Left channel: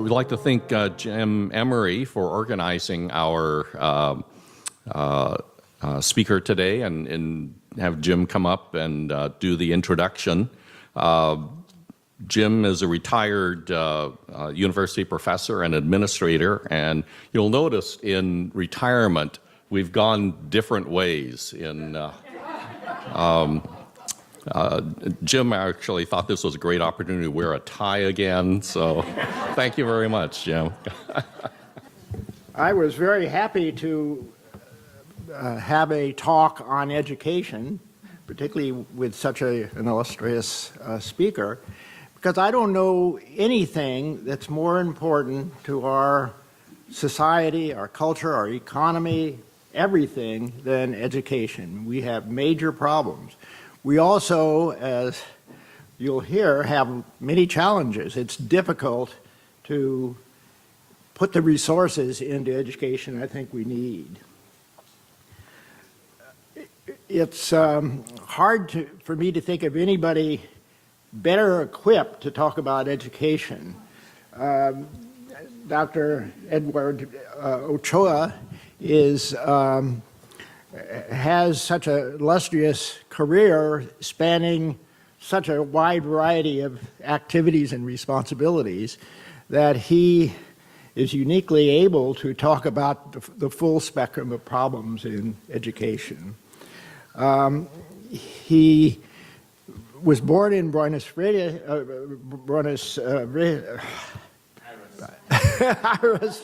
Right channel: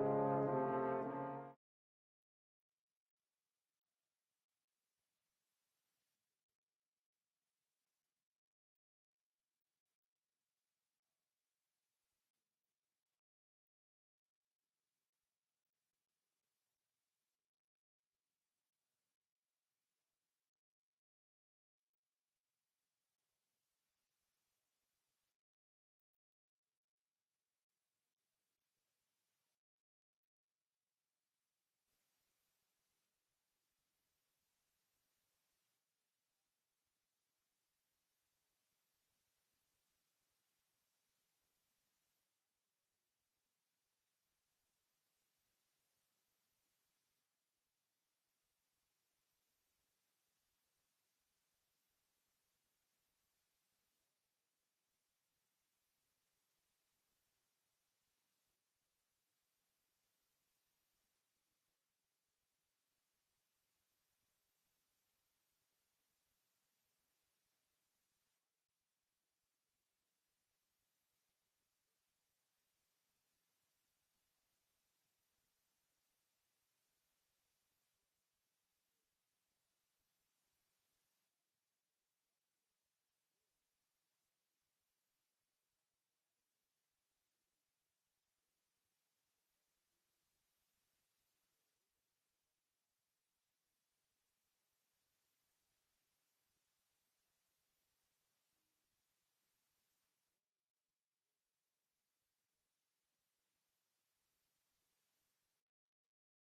we'd like to thank Jim Emery for organizing our speaker today and have Jim come up and do the introduction. Jim is a retired university professor and administrator, and you'll notice in retirement we've gone different ways. Jim actually thought this was a great opportunity to wear a tie again, so thank you very much, Jim. I was very happy to have a talk on education, particularly with such an illustrious speaker, because I don't know anything that's more important to our society, our culture, our economy, everything than education. We have major problems. We also, as you'll hear, have many challenges. It's difficult to put the resources into education I think we need. It's hard for me to think of anybody better equipped to talk about education. Dr. Edward Ochoa has such an illustrious career spanning such a wide variety of activities and responsibilities that he is uniquely able to talk about the full spectrum of problems in education. He was born in Buenos Aires,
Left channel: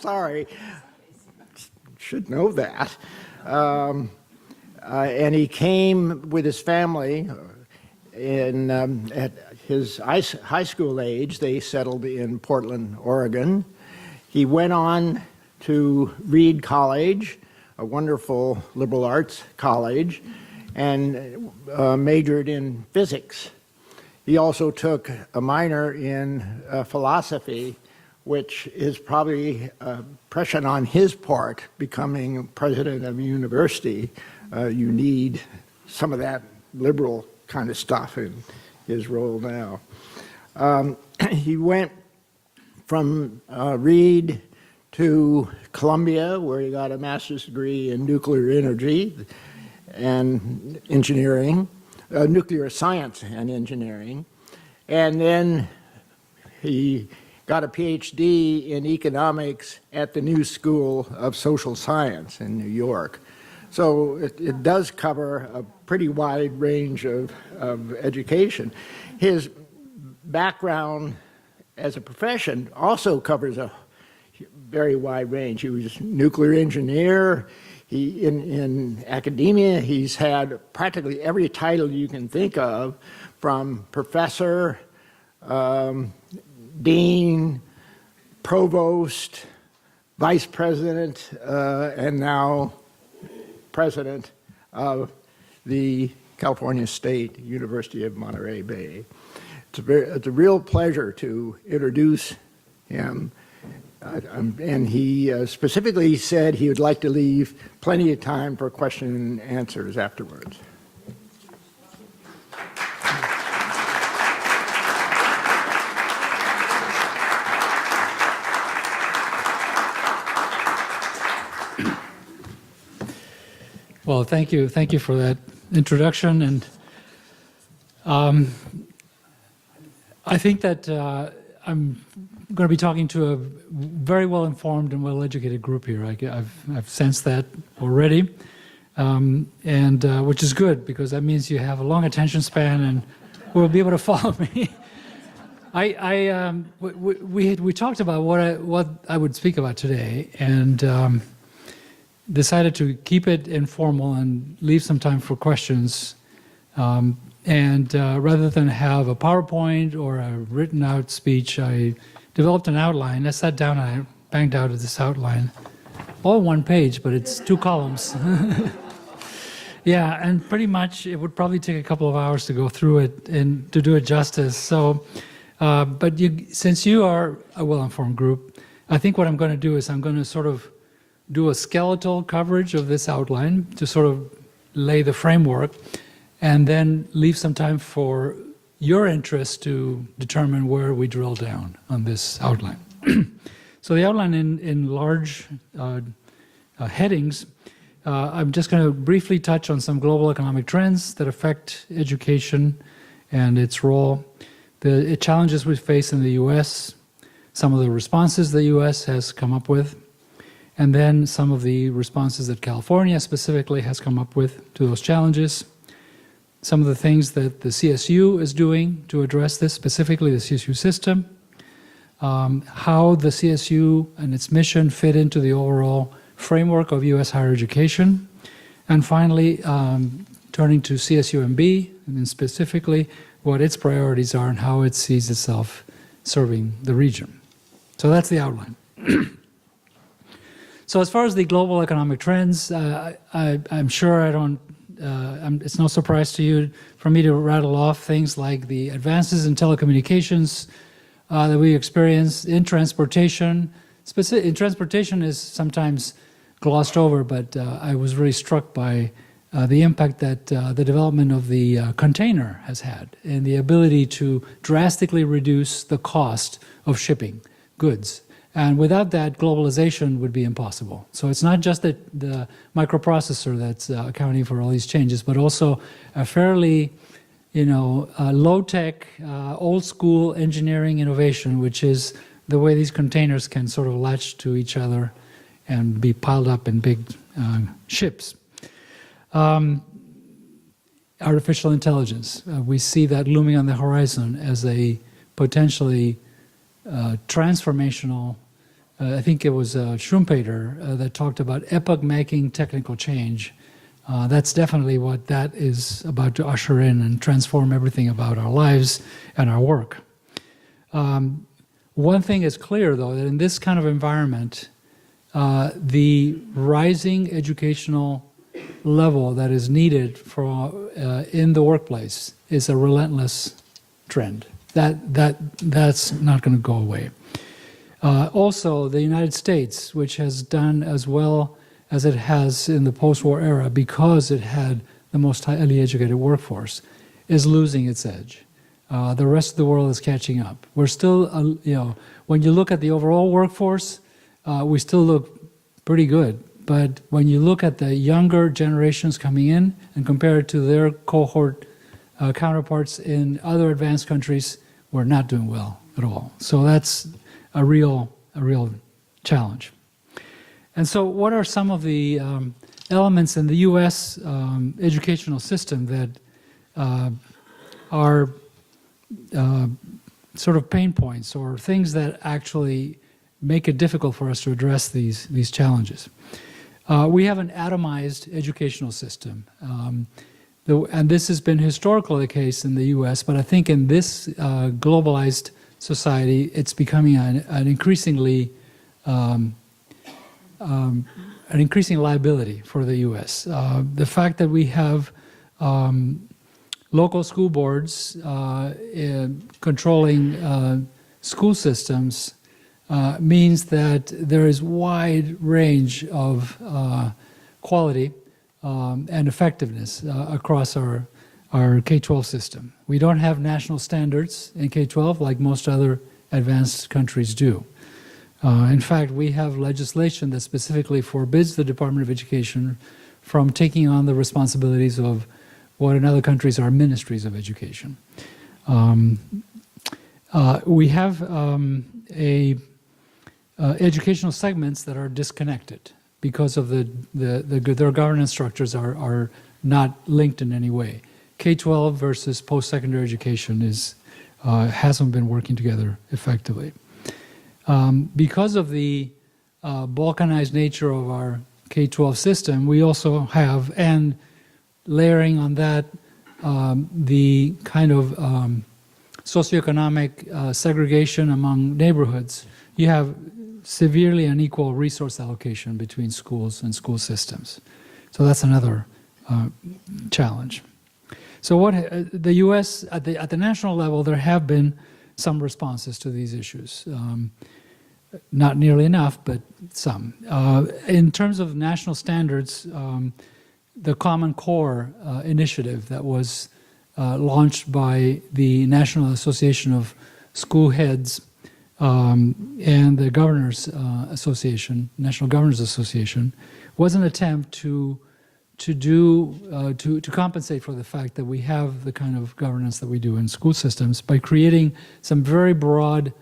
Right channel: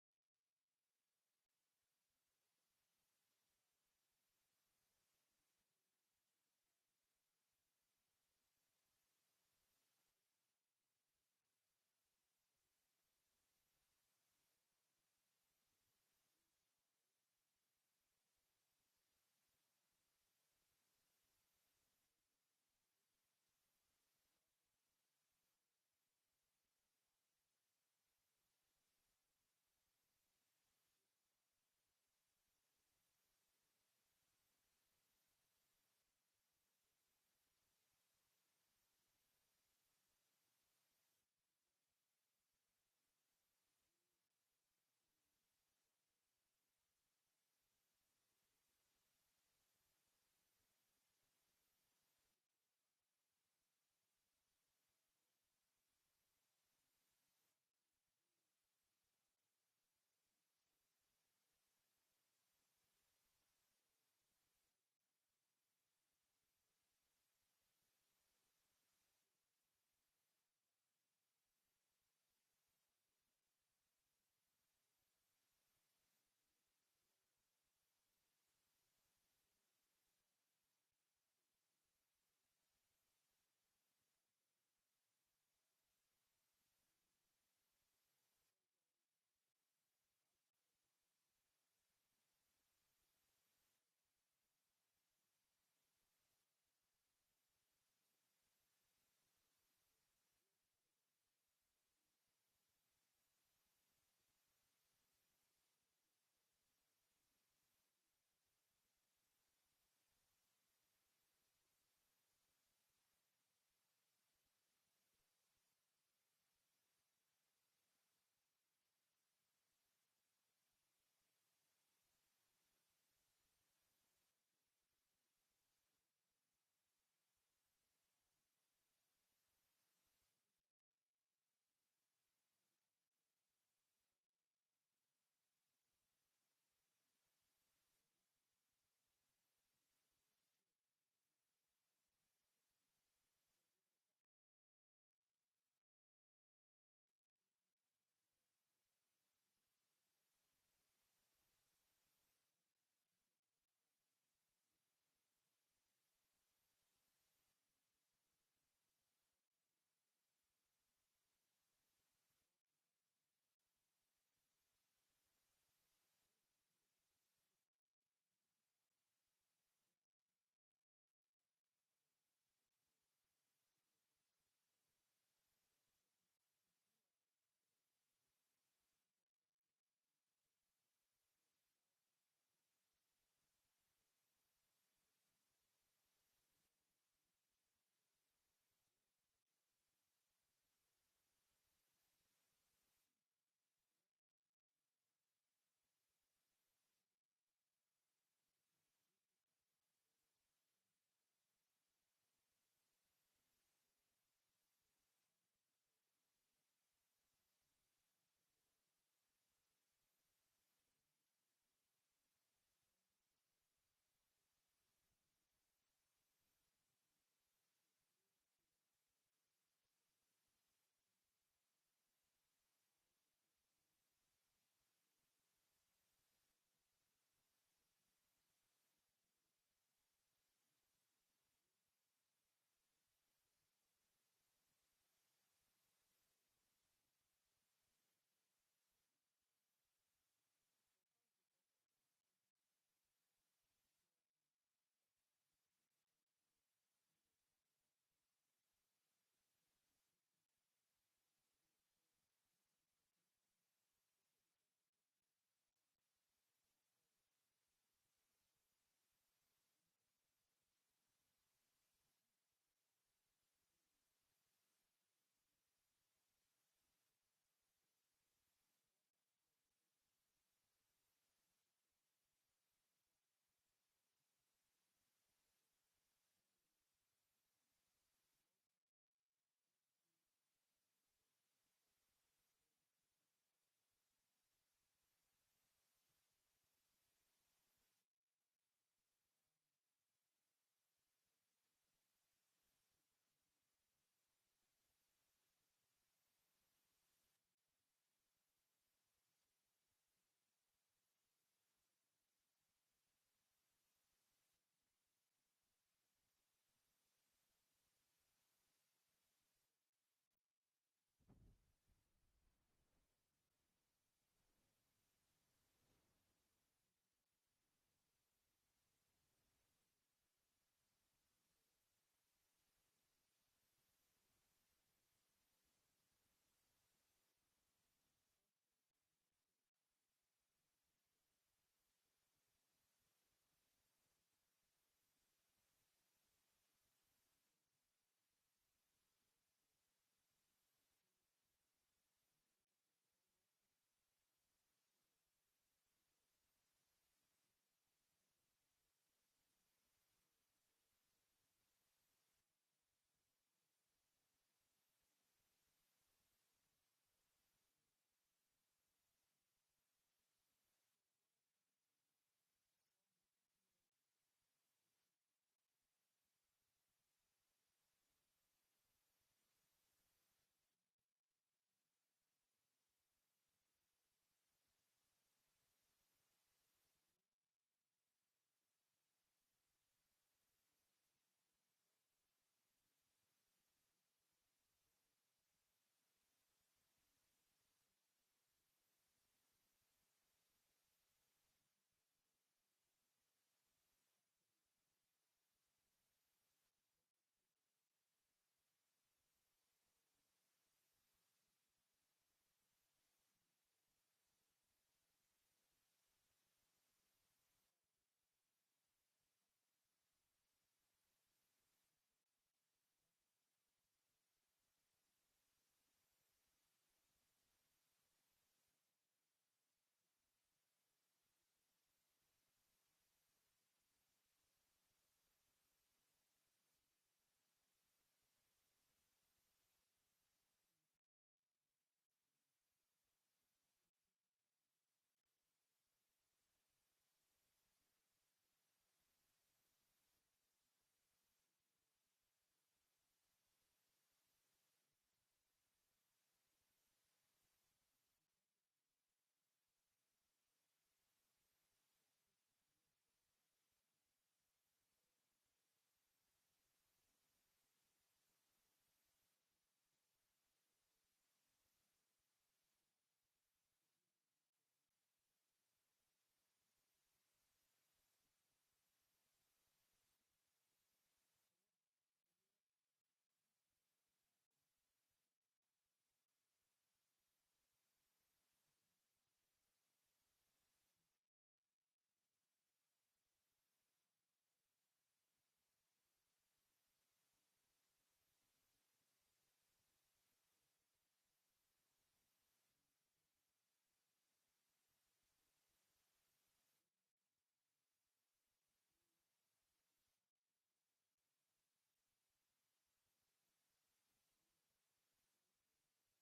sorry, should know that. And he came with his family at his high school age. They settled in Portland, Oregon. He went on to Reed College, a wonderful liberal arts college, and majored in physics. He also took a minor in philosophy, which is probably prescient on his part, becoming president of a university. You need some of that liberal kind of stuff in his role now. He went from Reed to Columbia, where he got a master's degree in nuclear energy and engineering, nuclear science and engineering. And then he got a PhD in economics at the New School of Social Science in New York. So it does cover a pretty wide range of education. His background as a profession also covers a very wide range. He was a nuclear engineer. In academia, he's had practically every title you can think of, from professor, dean, provost, vice president, and now president of the California State University of Monterey Bay. It's a real pleasure to introduce him. And he specifically said he would like to leave plenty of time for question and answers afterwards. Well, thank you for that introduction, and I think that I'm going to be talking to a very well-informed and well-educated group here. I've sensed that already, and which is good, because that means you have a long attention span and will be able to follow me. We talked about what I would speak about today, and decided to keep it informal and leave some time for questions. And rather than have a PowerPoint or a written out speech, I developed an outline. I sat down and I banged out this outline. All one page, but it's 2 columns. Yeah, and pretty much it would probably take a couple of hours to go through it and to do it justice. So, but since you are a well-informed group, I think what I'm going to do is I'm going to sort of do a skeletal coverage of this outline to sort of lay the framework, and then leave some time for your interest to determine where we drill down on this outline. So the outline in large headings, I'm just going to briefly touch on some global economic trends that affect education and its role, the challenges we face in the U.S., some of the responses the U.S. has come up with, and then some of the responses that California specifically has come up with to those challenges, some of the things that the CSU is doing to address this, specifically the CSU system, how the CSU and its mission fit into the overall framework of U.S. higher education, and finally, turning to CSUMB, and specifically what its priorities are and how it sees itself serving the region. So that's the outline. So as far as the global economic trends, I'm sure it's no surprise to you for me to rattle off things like the advances in telecommunications that we experience in transportation. In transportation is sometimes glossed over, but I was really struck by the impact that the development of the container has had and the ability to drastically reduce the cost of shipping goods. And without that, globalization would be impossible. So it's not just that the microprocessor that's accounting for all these changes, but also a fairly, low-tech, old-school engineering innovation, which is the way these containers can sort of latch to each other and be piled up in big ships. Artificial intelligence, we see that looming on the horizon as a potentially transformational, I think it was Schumpeter that talked about epoch-making technical change. That's definitely what that is about to usher in and transform everything about our lives and our work. One thing is clear, though, that in this kind of environment, the rising educational level that is needed for in the workplace is a relentless trend. That's not going to go away. Also, the United States, which has done as well as it has in the post-war era because it had the most highly educated workforce, is losing its edge. The rest of the world is catching up. We're still, when you look at the overall workforce, we still look pretty good. But when you look at the younger generations coming in and compare it to their cohort counterparts in other advanced countries, we're not doing well at all. So that's a real challenge. And so what are some of the elements in the U.S. Educational system that are sort of pain points or things that actually make it difficult for us to address these challenges? We have an atomized educational system. And this has been historically the case in the U.S., but I think in this globalized society, it's becoming an increasingly increasing liability for the U.S. The fact that we have local school boards controlling school systems means that there is wide range of quality and effectiveness across our K-12 system. We don't have national standards in K-12 like most other advanced countries do. In fact, we have legislation that specifically forbids the Department of Education from taking on the responsibilities of what in other countries are ministries of education. We have educational segments that are disconnected because of their governance structures are not linked in any way. K-12 versus post-secondary education hasn't been working together effectively. Because of the balkanized nature of our K-12 system, we also have, and layering on that, the kind of socioeconomic segregation among neighborhoods. You have severely unequal resource allocation between schools and school systems. So that's another challenge. So what the U.S. at the national level, there have been some responses to these issues. Not nearly enough, but some. In terms of national standards, the Common Core initiative that was launched by the National Association of School Heads and the Governors Association, National Governors Association, was an attempt to compensate for the fact that we have the kind of governance that we do in school systems by creating some very broad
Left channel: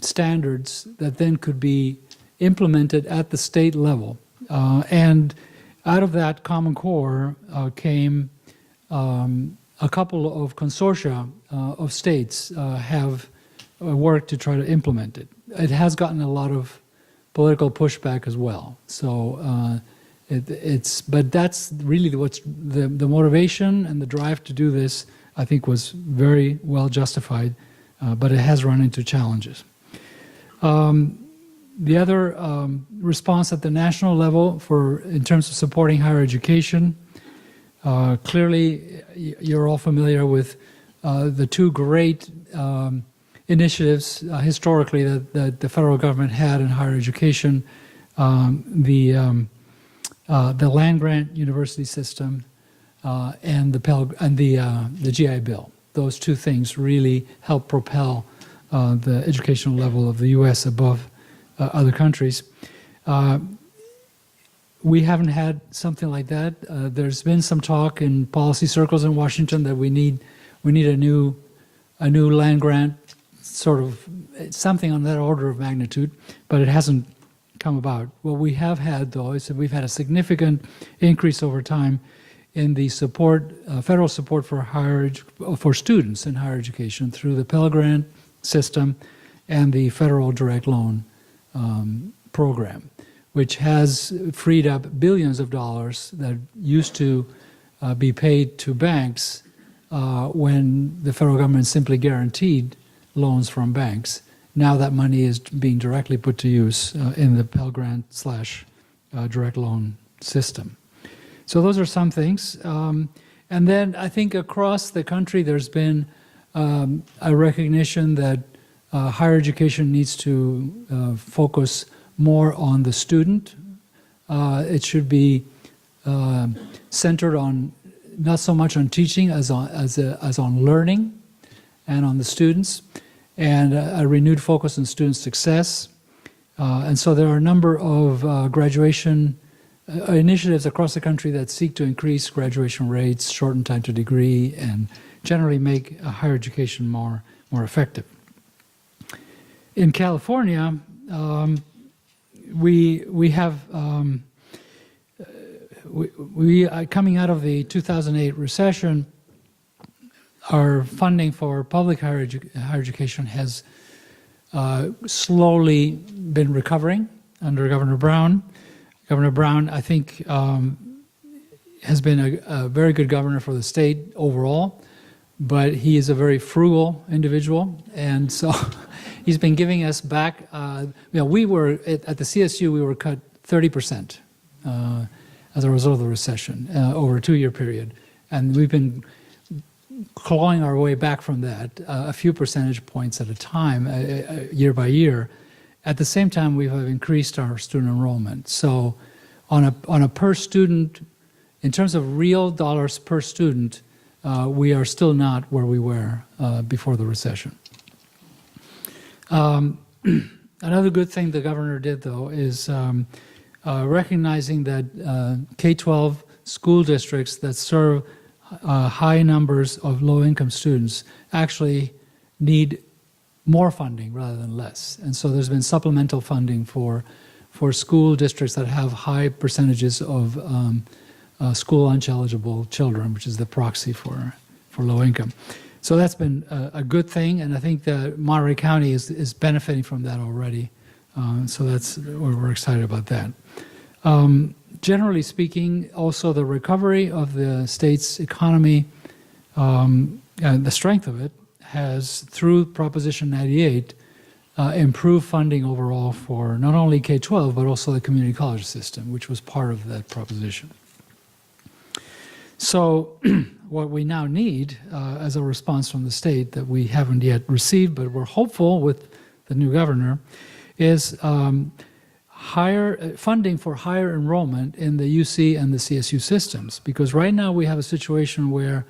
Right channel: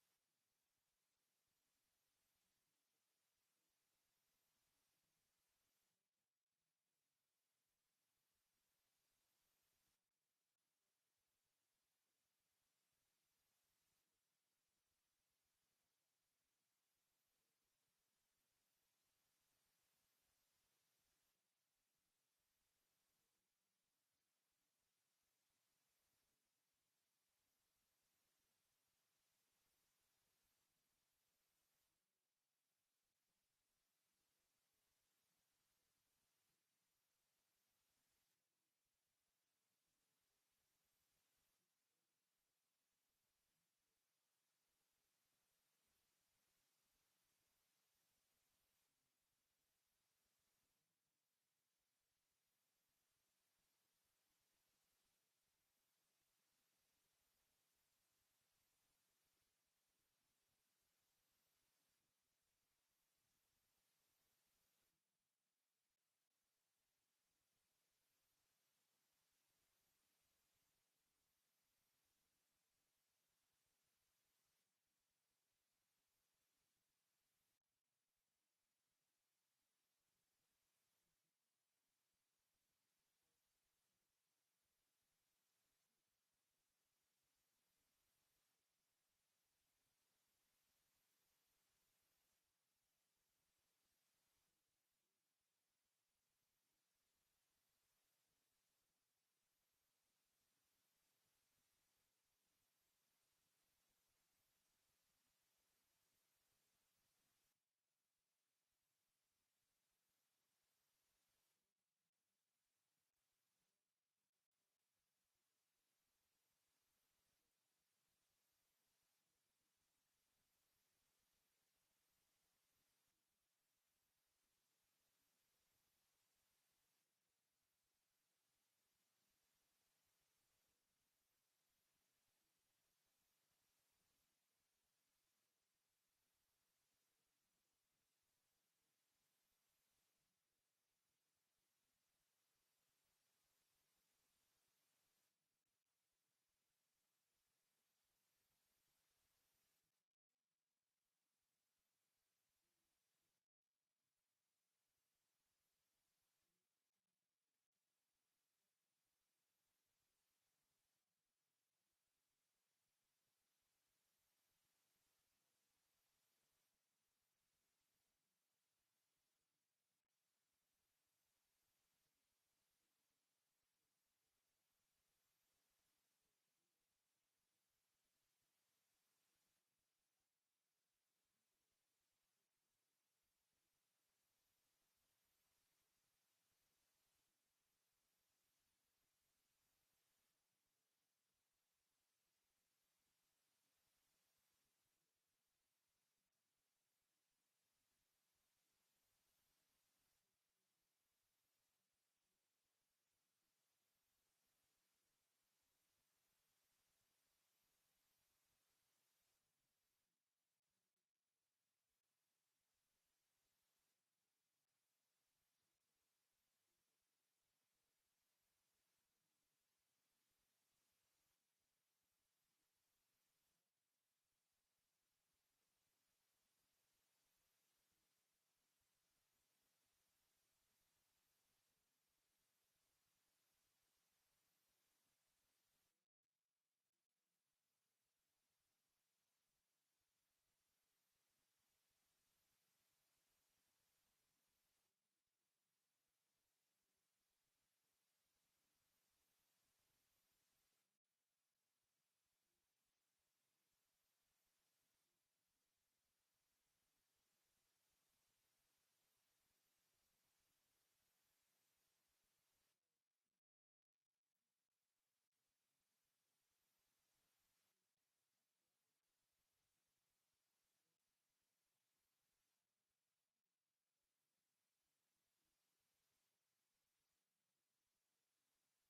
standards that then could be implemented at the state level. And out of that Common Core came a couple of consortia of states have worked to try to implement it. It has gotten a lot of political pushback as well. So but that's really what's the motivation and the drive to do this, I think, was very well justified, but it has run into challenges. The other response at the national level in terms of supporting higher education, clearly you're all familiar with the two great initiatives historically that the federal government had in higher education, the land-grant university system and the GI Bill. Those two things really help propel the educational level of the U.S. above other countries. We haven't had something like that. There's been some talk in policy circles in Washington that we need a new land grant, sort of something on that order of magnitude, but it hasn't come about. What we have had, though, is that we've had a significant increase over time in the support, federal support for students in higher education through the Pell Grant system and the federal direct loan program, which has freed up billions of dollars that used to be paid to banks when the federal government simply guaranteed loans from banks. Now that money is being directly put to use in the Pell Grant / direct loan system. So those are some things. And then I think across the country there's been a recognition that higher education needs to focus more on the student. It should be centered on not so much on teaching as on learning and on the students, and a renewed focus on student success. And so there are a number of graduation initiatives across the country that seek to increase graduation rates, shorten time to degree, and generally make higher education more effective. In California, we have coming out of the 2008 recession, our funding for public higher education has slowly been recovering under Governor Brown. Governor Brown, I think, has been a very good governor for the state overall, but he is a very frugal individual, and so he's been giving us back. We were at the CSU, we were cut 30% as a result of the recession over a 2-year period, and we've been clawing our way back from that a few percentage points at a time, year by year. At the same time, we have increased our student enrollment. So on a per student, in terms of real dollars per student, we are still not where we were before the recession. Another good thing the governor did, though, is recognizing that K-12 school districts that serve high numbers of low-income students actually need more funding rather than less. And so there's been supplemental funding for school districts that have high percentages of school lunch eligible children, which is the proxy for low income. So that's been a good thing, and I think that Monterey County is benefiting from that already. So we're excited about that. Generally speaking, also the recovery of the state's economy and the strength of it has, through Proposition 98, improved funding overall for not only K-12, but also the community college system, which was part of that proposition. So what we now need as a response from the state that we haven't yet received, but we're hopeful with the new governor, is higher funding for higher enrollment in the UC and the CSU systems. Because right now we have a situation where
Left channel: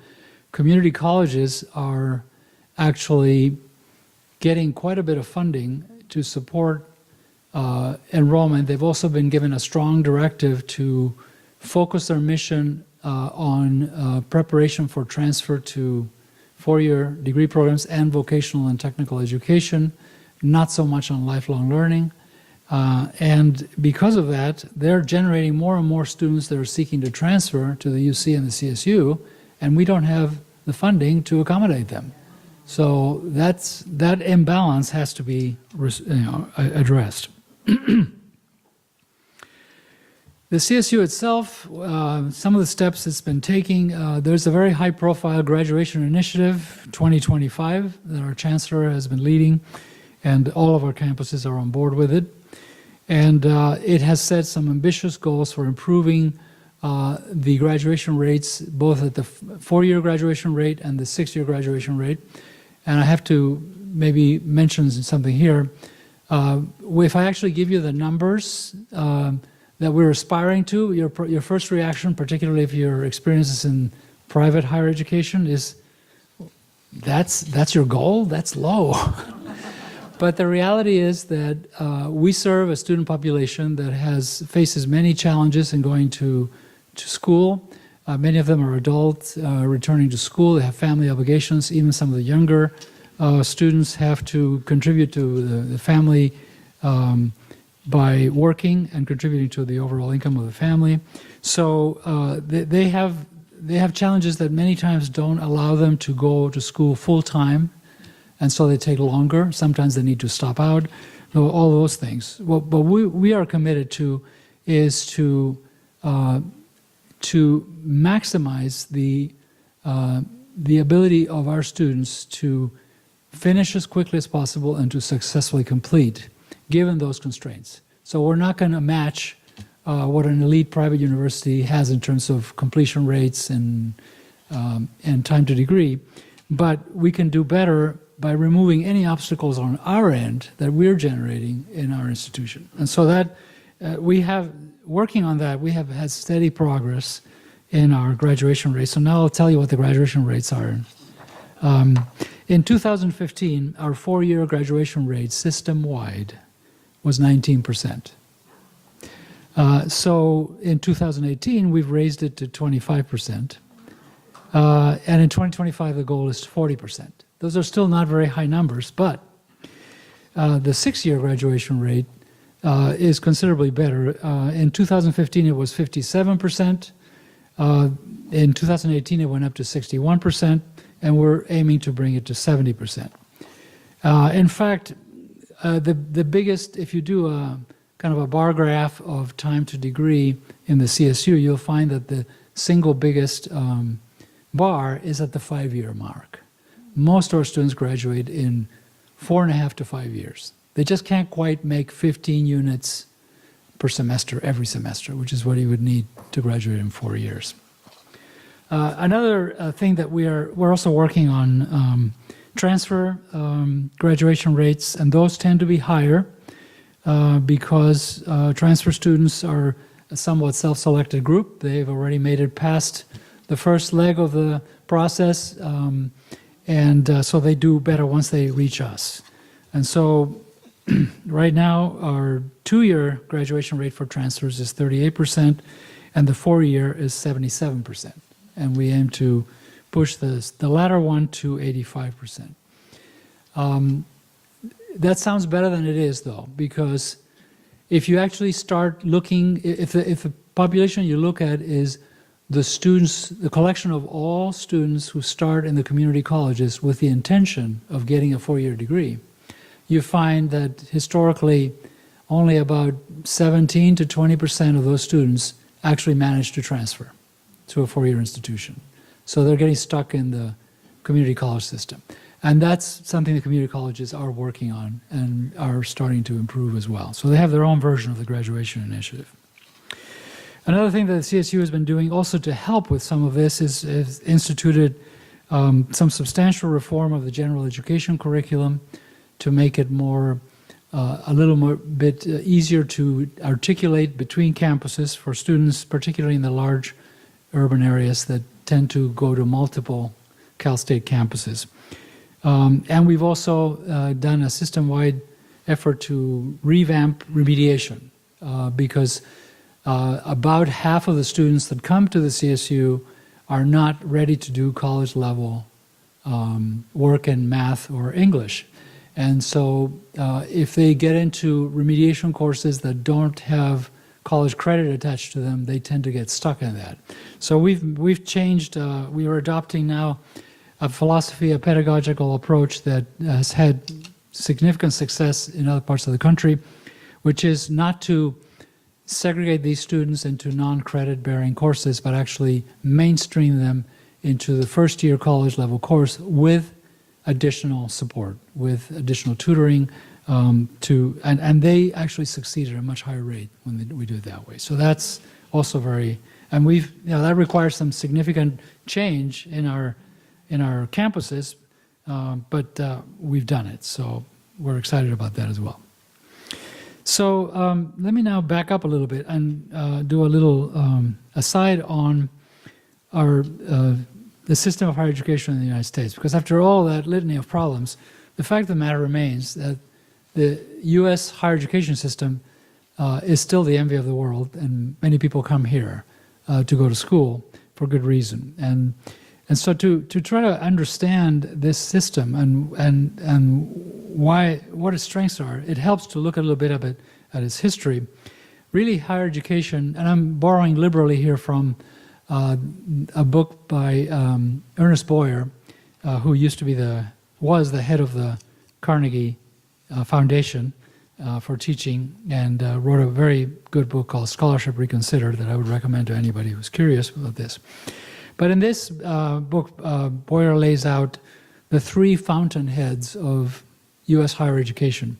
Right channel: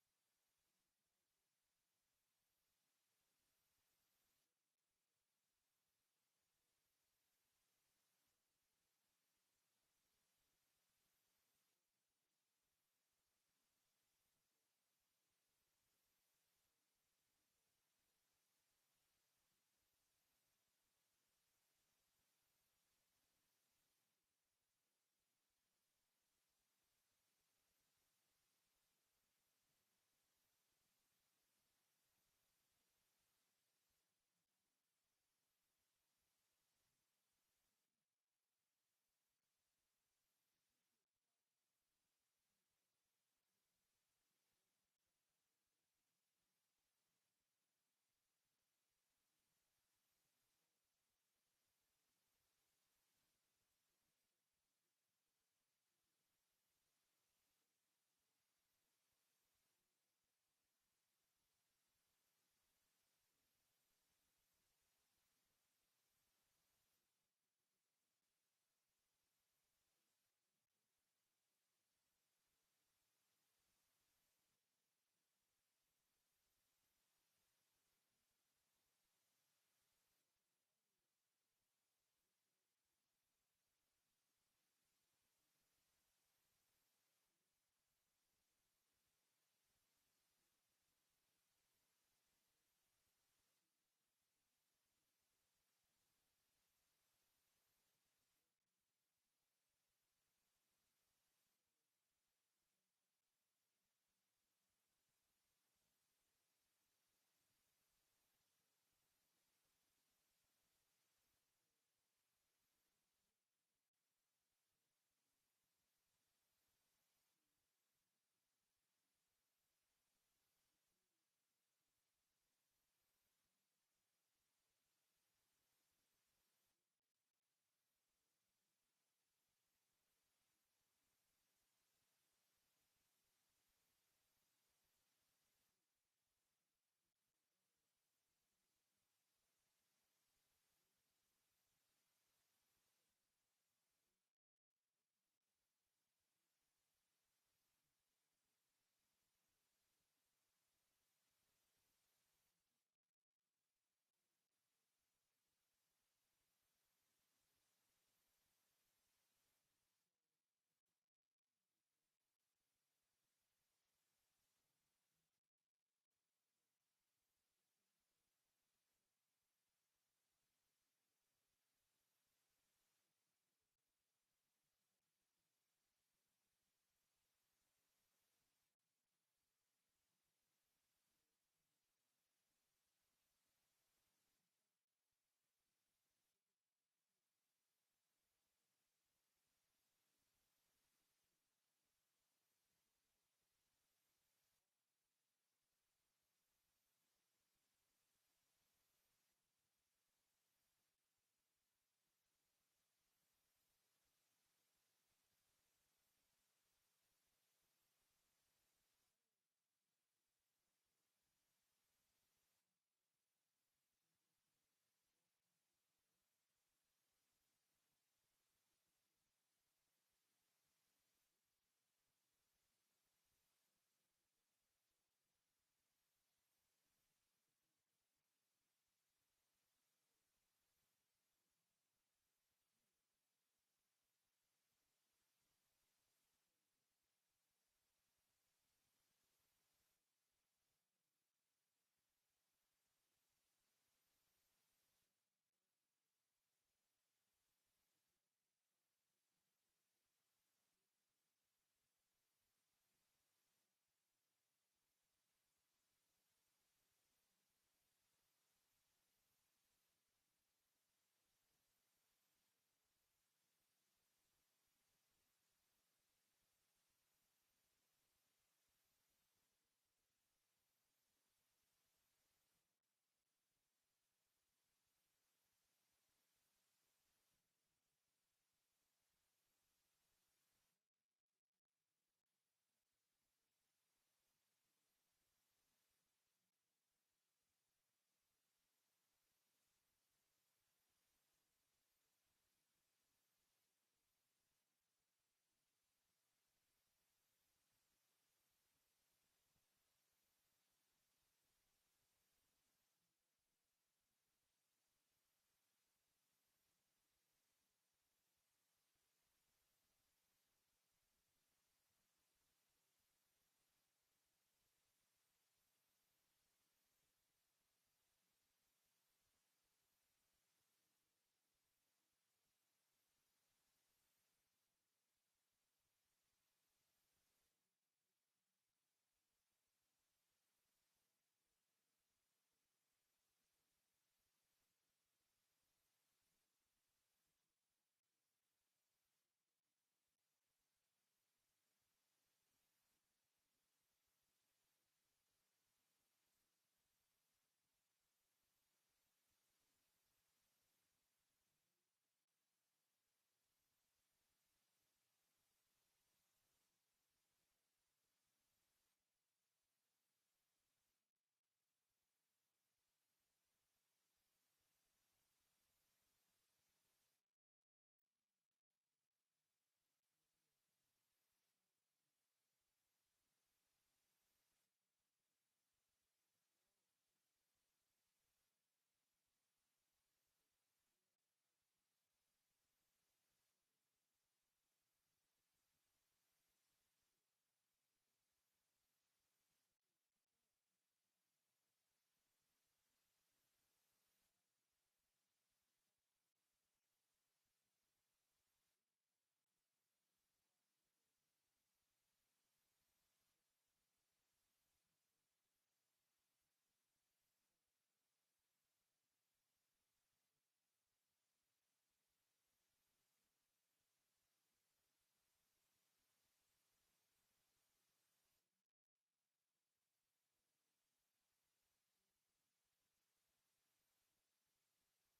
community colleges are actually getting quite a bit of funding to support enrollment. They've also been given a strong directive to focus their mission on preparation for transfer to four-year degree programs and vocational and technical education, not so much on lifelong learning. And because of that, they're generating more and more students that are seeking to transfer to the UC and the CSU, and we don't have the funding to accommodate them. So that imbalance has to be addressed. The CSU itself, some of the steps it's been taking, there's a very high-profile graduation initiative, 2025, that our chancellor has been leading, and all of our campuses are on board with it. And it has set some ambitious goals for improving the graduation rates, both at the four-year graduation rate and the six-year graduation rate. And I have to maybe mention something here. If I actually give you the numbers that we're aspiring to, your first reaction, particularly if your experience is in private higher education, is that's your goal? That's low. But the reality is that we serve a student population that faces many challenges in going to school. Many of them are adults returning to school. They have family obligations. Even some of the younger students have to contribute to the family by working and contributing to the overall income of the family. So they have challenges that many times don't allow them to go to school full time, and so they take longer. Sometimes they need to stop out. All those things. What we are committed to is to maximize the ability of our students to finish as quickly as possible and to successfully complete, given those constraints. So we're not going to match what an elite private university has in terms of completion rates and time to degree, but we can do better by removing any obstacles on our end that we're generating in our institution. And so that working on that, we have had steady progress in our graduation rates. So now I'll tell you what the graduation rates are. In 2015, our four-year graduation rate system-wide was 19%. So in 2018, we've raised it to 25%. And in 2025, the goal is 40%. Those are still not very high numbers, but the six-year graduation rate is considerably better. In 2015, it was 57%. In 2018, it went up to 61%, and we're aiming to bring it to 70%. In fact, the biggest, if you do a kind of a bar graph of time to degree in the CSU, you'll find that the single biggest bar is at the 5-year mark. Most of our students graduate in 4.5 to 5 years. They just can't quite make 15 units per semester every semester, which is what you would need to graduate in 4 years. Another thing that we're also working on transfer graduation rates, and those tend to be higher because transfer students are a somewhat self-selected group. They've already made it past the first leg of the process, and so they do better once they reach us. And so right now, our 2-year graduation rate for transfers is 38%, and the 4-year is 77%. And we aim to push the latter one to 85%. That sounds better than it is, though, because if you actually start looking, if the population you look at is the students, the collection of all students who start in the community colleges with the intention of getting a 4-year degree, you find that historically only about 17 to 20% of those students actually manage to transfer to a 4-year institution. So they're getting stuck in the community college system. And that's something the community colleges are working on and are starting to improve as well. So they have their own version of the graduation initiative. Another thing that the CSU has been doing also to help with some of this is instituted some substantial reform of the general education curriculum to make it more, a little more bit easier to articulate between campuses for students, particularly in the large urban areas that tend to go to multiple Cal State campuses. And we've also done a system-wide effort to revamp remediation because about half of the students that come to the CSU are not ready to do college-level work in math or English. And so if they get into remediation courses that don't have college credit attached to them, they tend to get stuck in that. So we've changed, we are adopting now a philosophy, a pedagogical approach that has had significant success in other parts of the country, which is not to segregate these students into non-credit bearing courses, but actually mainstream them into the first year college level course with additional support, with additional tutoring, and they actually succeed at a much higher rate when we do it that way. So that's also very, and that requires some significant change in our campuses, but we've done it. So we're excited about that as well. So let me now back up a little bit and do a little aside on the system of higher education in the United States, because after all that litany of problems, the fact of the matter remains that the U.S. higher education system is still the envy of the world, and many people come here to go to school for good reason. And so to try to understand this system and what its strengths are, it helps to look a little bit at its history. Really, higher education, and I'm borrowing liberally here from a book by Ernest Boyer, who was the head of the Carnegie Foundation for teaching, and wrote a very good book called Scholarship Reconsidered that I would recommend to anybody who's curious about this. But in this book, Boyer lays out the three fountainheads of U.S. higher education,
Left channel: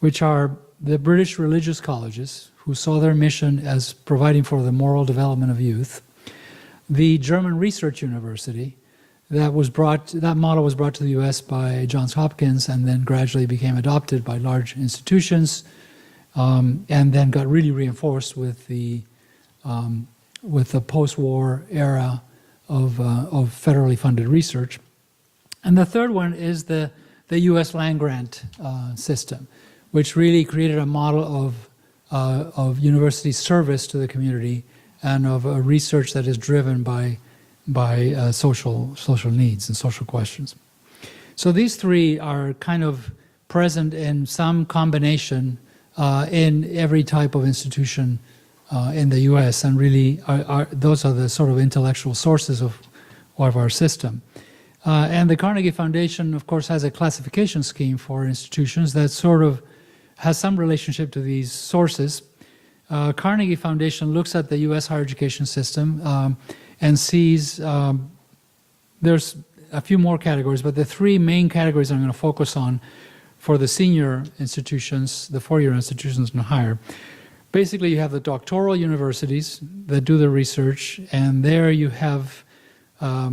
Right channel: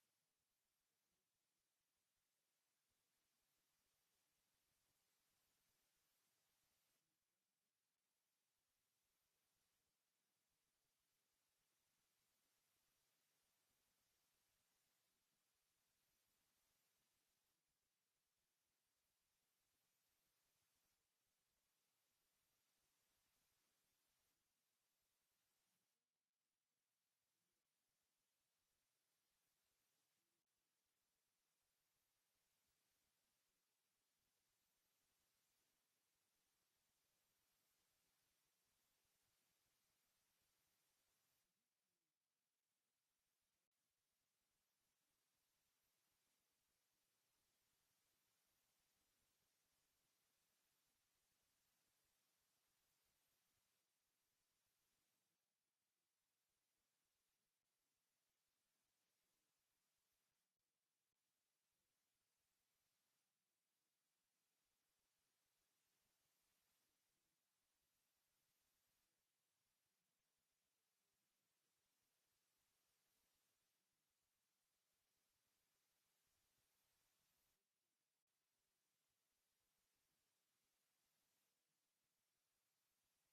which are the British religious colleges, who saw their mission as providing for the moral development of youth, the German Research University, that model was brought to the U.S. by Johns Hopkins and then gradually became adopted by large institutions, and then got really reinforced with the post-war era of federally funded research. And the third one is the U.S. land-grant system, which really created a model of university service to the community and of a research that is driven by social needs and social questions. So these three are kind of present in some combination in every type of institution in the U.S. and really those are the sort of intellectual sources of our system. And the Carnegie Foundation, of course, has a classification scheme for institutions that sort of has some relationship to these sources. Carnegie Foundation looks at the U.S. higher education system and sees there's a few more categories, but the three main categories I'm going to focus on for the senior institutions, the four-year institutions and higher. Basically, you have the doctoral universities that do the research, and there you have a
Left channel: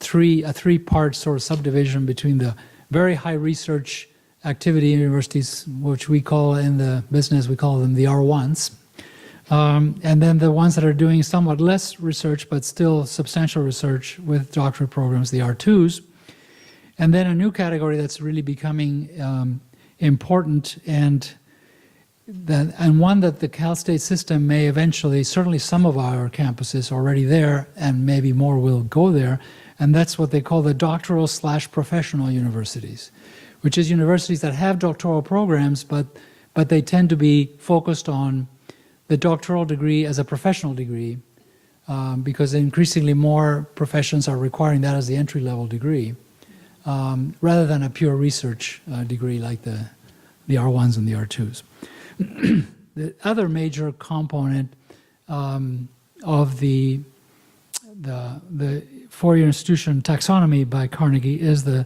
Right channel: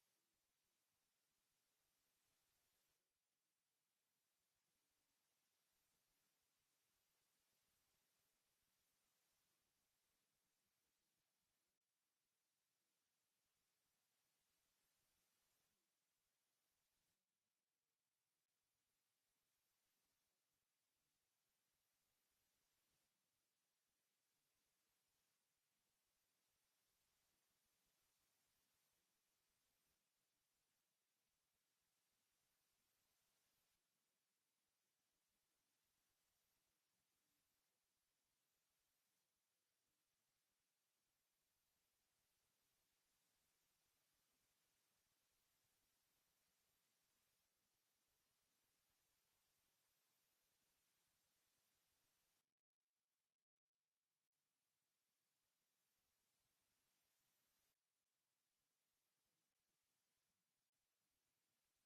three-part sort of subdivision between the very high research activity universities, which we call in the business, we call them the R1s, and then the ones that are doing somewhat less research but still substantial research with doctorate programs, the R2s, and then a new category that's really becoming important and one that the Cal State system may eventually, certainly some of our campuses already there, and maybe more will go there, and that's what they call the doctoral/professional universities, which is universities that have doctoral programs, but they tend to be focused on the doctoral degree as a professional degree, because increasingly more professions are requiring that as the entry-level degree, rather than a pure research degree like the R1s and the R2s. The other major component of the four-year institution taxonomy by Carnegie is the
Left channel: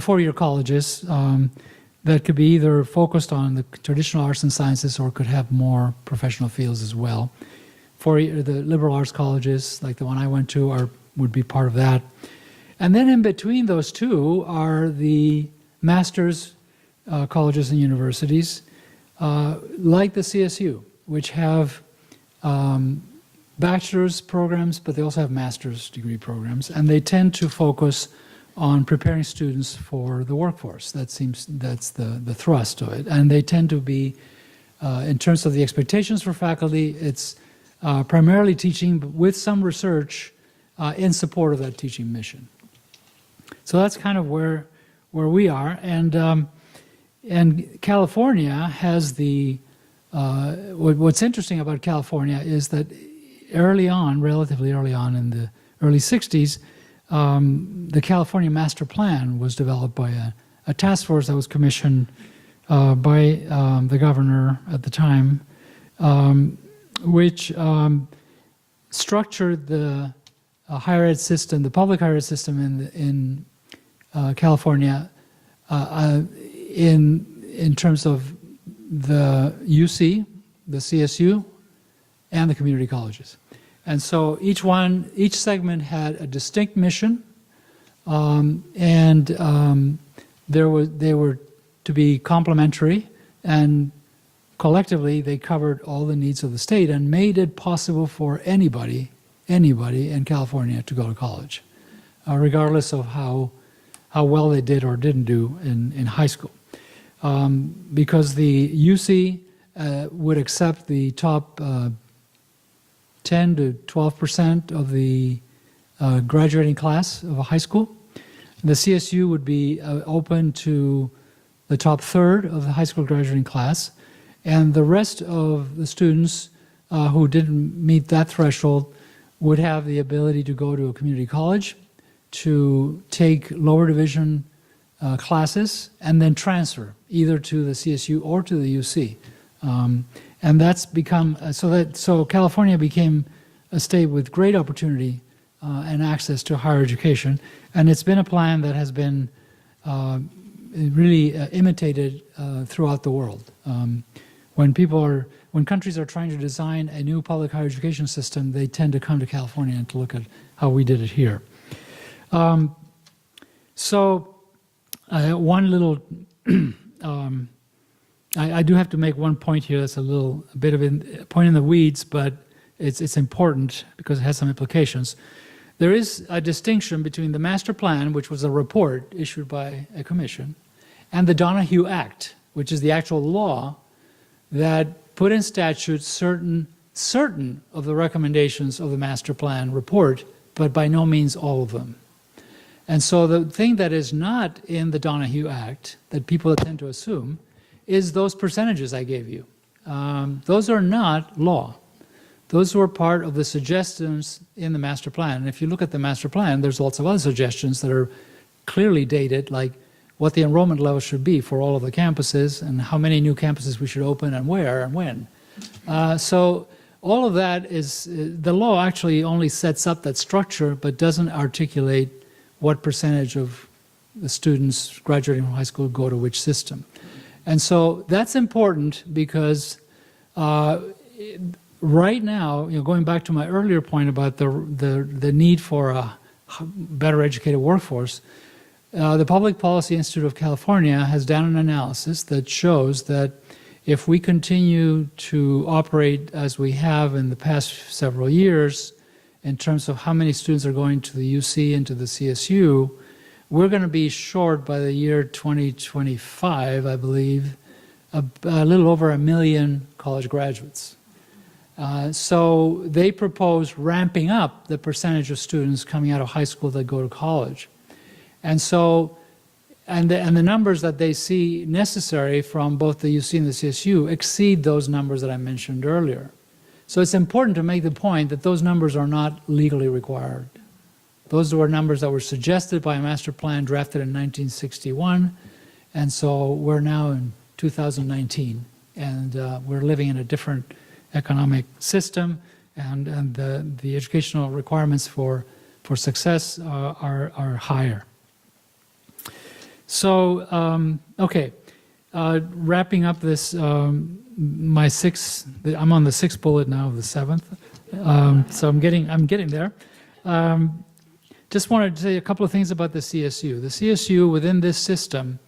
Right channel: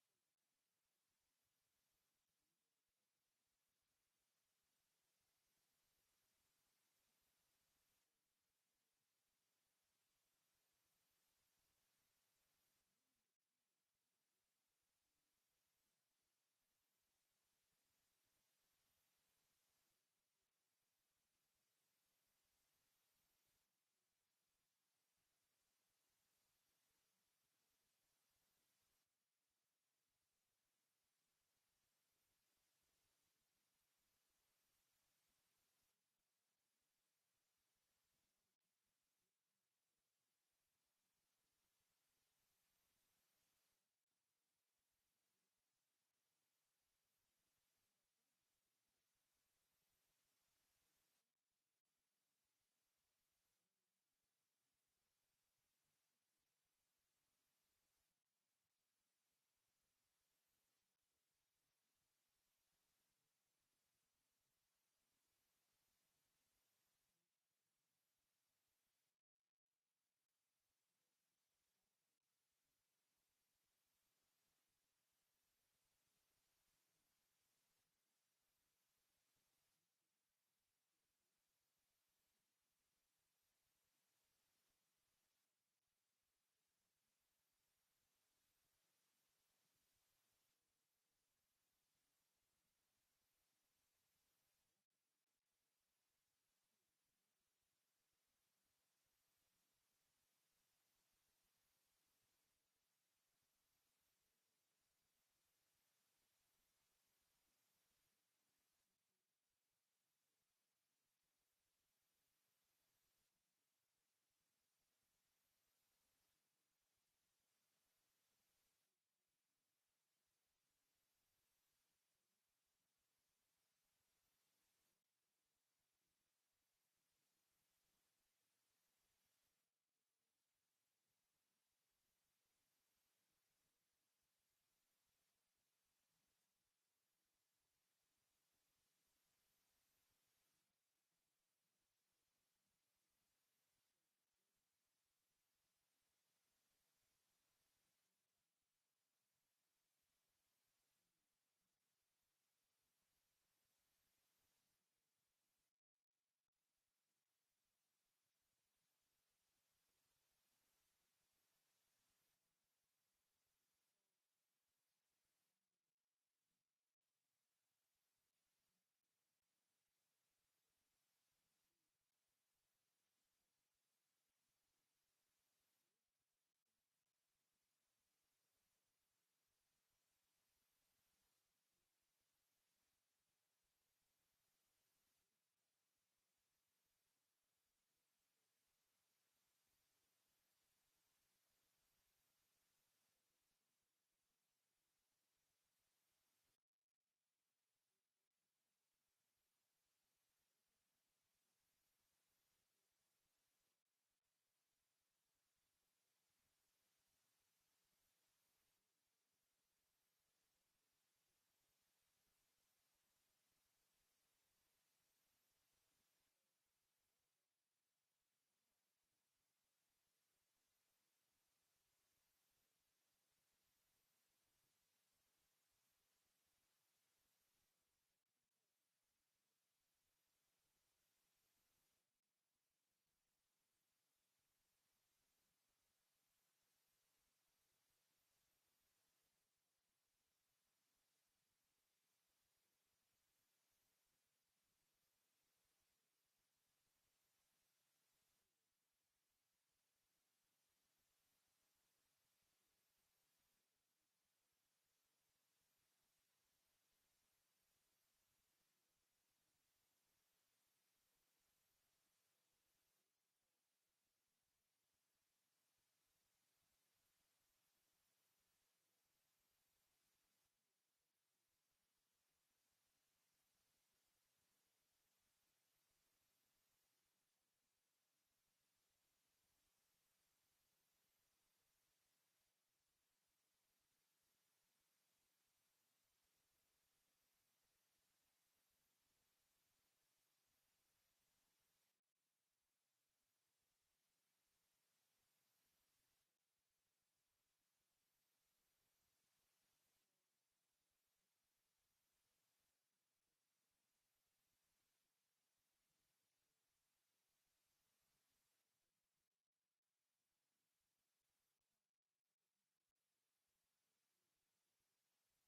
four-year colleges that could be either focused on the traditional arts and sciences or could have more professional fields as well. The liberal arts colleges, like the one I went to, would be part of that. And then in between those two are the master's colleges and universities, like the CSU, which have bachelor's programs, but they also have master's degree programs, and they tend to focus on preparing students for the workforce. That's the thrust of it. And they tend to be, in terms of the expectations for faculty, it's primarily teaching, but with some research in support of that teaching mission. So that's kind of where we are. And California has the, what's interesting about California is that early on, relatively early on in the early 60s, the California Master Plan was developed by a task force that was commissioned by the governor at the time, which structured the higher ed system, the public higher ed system in California in terms of the UC, the CSU, and the community colleges. And so each segment had a distinct mission, and they were to be complementary, and collectively they covered all the needs of the state and made it possible for anybody in California to go to college, regardless of how well they did or didn't do in high school. Because the UC would accept the top 10 to 12% of the graduating class of a high school. The CSU would be open to the top third of the high school graduating class, and the rest of the students who didn't meet that threshold would have the ability to go to a community college, to take lower division classes, and then transfer either to the CSU or to the UC. And that's become, so California became a state with great opportunity and access to higher education. And it's been a plan that has been really imitated throughout the world. When countries are trying to design a new public higher education system, they tend to come to California and to look at how we did it here. One little, I do have to make one point here that's a bit of a point in the weeds, but it's important because it has some implications. There is a distinction between the master plan, which was a report issued by a commission, and the Donahue Act, which is the actual law that put in statute certain of the recommendations of the master plan report, but by no means all of them. And so the thing that is not in the Donahue Act that people tend to assume is those percentages I gave you. Those are not law. Those were part of the suggestions in the master plan. And if you look at the master plan, there's lots of other suggestions that are clearly dated, like what the enrollment level should be for all of the campuses and how many new campuses we should open and where and when. So all of that is, the law actually only sets up that structure but doesn't articulate what percentage of the students graduating from high school go to which system. And so that's important because right now, going back to my earlier point about the need for a better educated workforce, the Public Policy Institute of California has done an analysis that shows that if we continue to operate as we have in the past several years, in terms of how many students are going to the UC and to the CSU, we're going to be short by the year 2025, I believe, a little over 1 million college graduates. So they propose ramping up the percentage of students coming out of high school that go to college. And so, and the numbers that they see necessary from both the UC and the CSU exceed those numbers that I mentioned earlier. So it's important to make the point that those numbers are not legally required. Those were numbers that were suggested by a master plan drafted in 1961, and so we're now in 2019, and we're living in a different economic system, and the educational requirements for success are higher. So, okay, wrapping up this, I'm on the 6th bullet now of the 7th, so I'm getting there. Just wanted to say a couple of things about the CSU. The CSU within this system,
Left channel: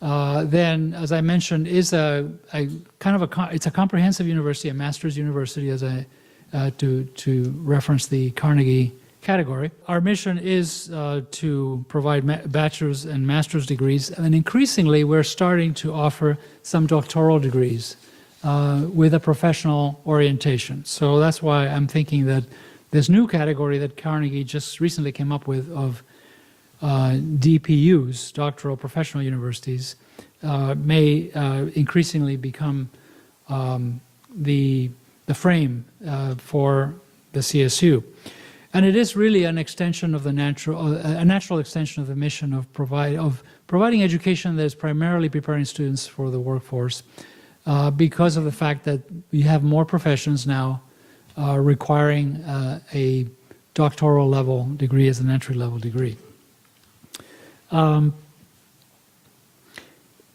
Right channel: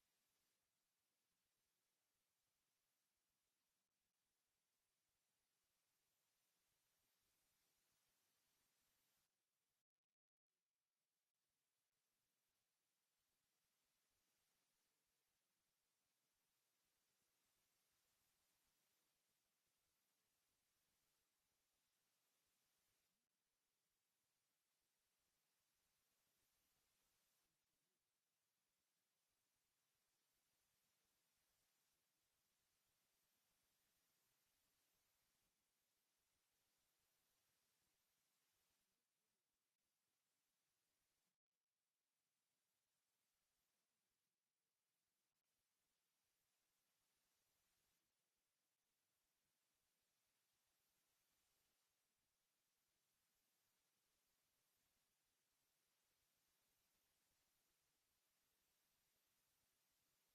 then, as I mentioned, is it's a comprehensive university, a master's university, to reference the Carnegie category. Our mission is to provide bachelor's and master's degrees, and increasingly we're starting to offer some doctoral degrees with a professional orientation. So that's why I'm thinking that this new category that Carnegie just recently came up with of DPUs, doctoral professional universities, may increasingly become the frame for the CSU. And it is really an extension of the a natural extension of the mission of providing education that is primarily preparing students for the workforce, because of the fact that we have more professions now requiring a doctoral level degree as an entry level degree.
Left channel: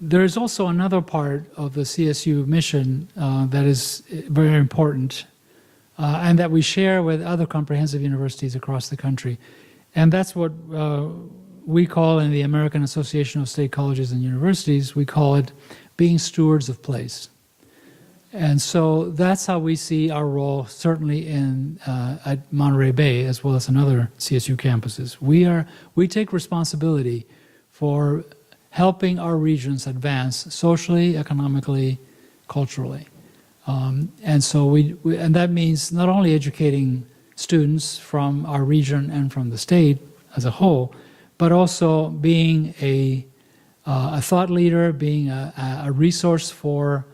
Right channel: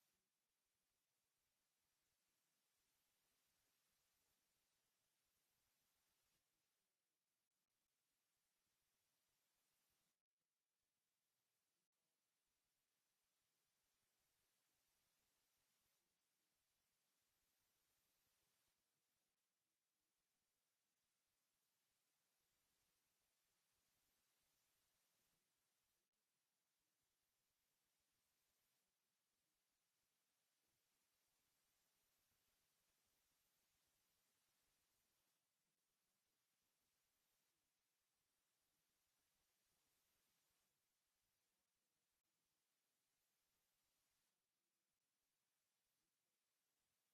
There is also another part of the CSU mission that is very important, and that we share with other comprehensive universities across the country. And that's what we call, in the American Association of State Colleges and Universities, we call it being stewards of place. And so that's how we see our role, certainly at Monterey Bay, as well as in other CSU campuses. We take responsibility for helping our regions advance socially, economically, culturally. And so and that means not only educating students from our region and from the state as a whole, but also being a thought leader, being a resource for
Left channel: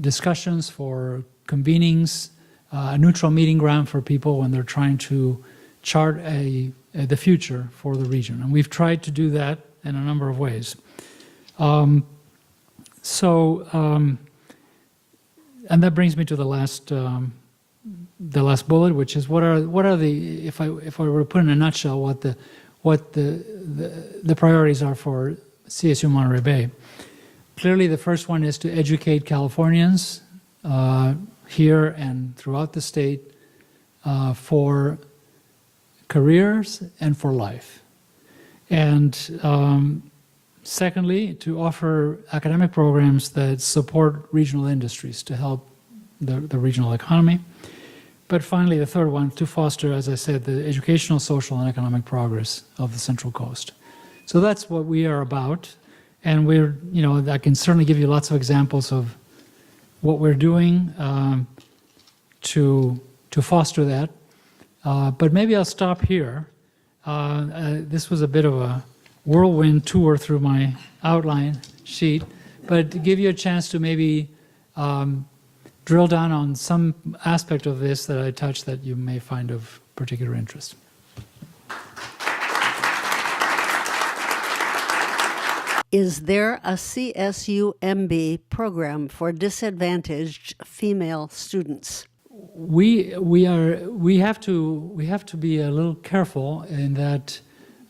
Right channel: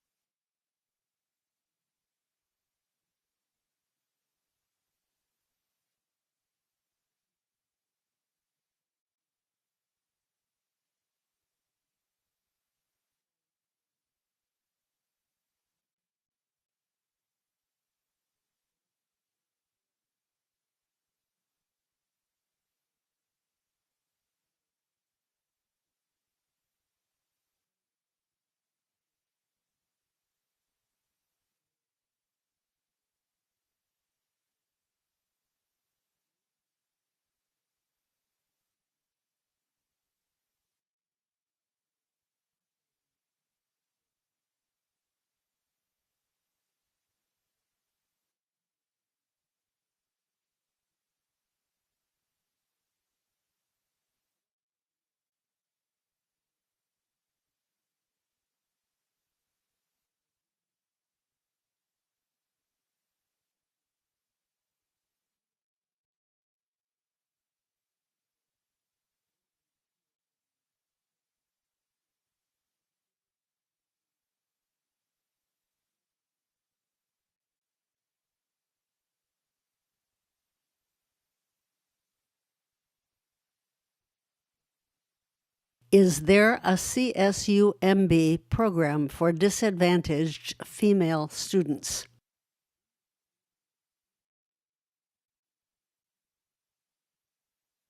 discussions, for convenings, a neutral meeting ground for people when they're trying to chart the future for the region. And we've tried to do that in a number of ways. And that brings me to the last bullet, which is what are the, if I were to put in a nutshell what the priorities are for CSU Monterey Bay. Clearly, the first one is to educate Californians here and throughout the state for careers and for life. And secondly, to offer academic programs that support regional industries to help the regional economy. But finally, the third one, to foster, as I said, the educational, social, and economic progress of the Central Coast. So that's what we are about. And I can certainly give you lots of examples of what we're doing to foster that. But maybe I'll stop here. This was a bit of a whirlwind tour through my outline sheet, but to give you a chance to maybe drill down on some aspect of this that I touched that you may find of particular interest. Is there a CSU MB program for disadvantaged female students? We have to be a little careful in that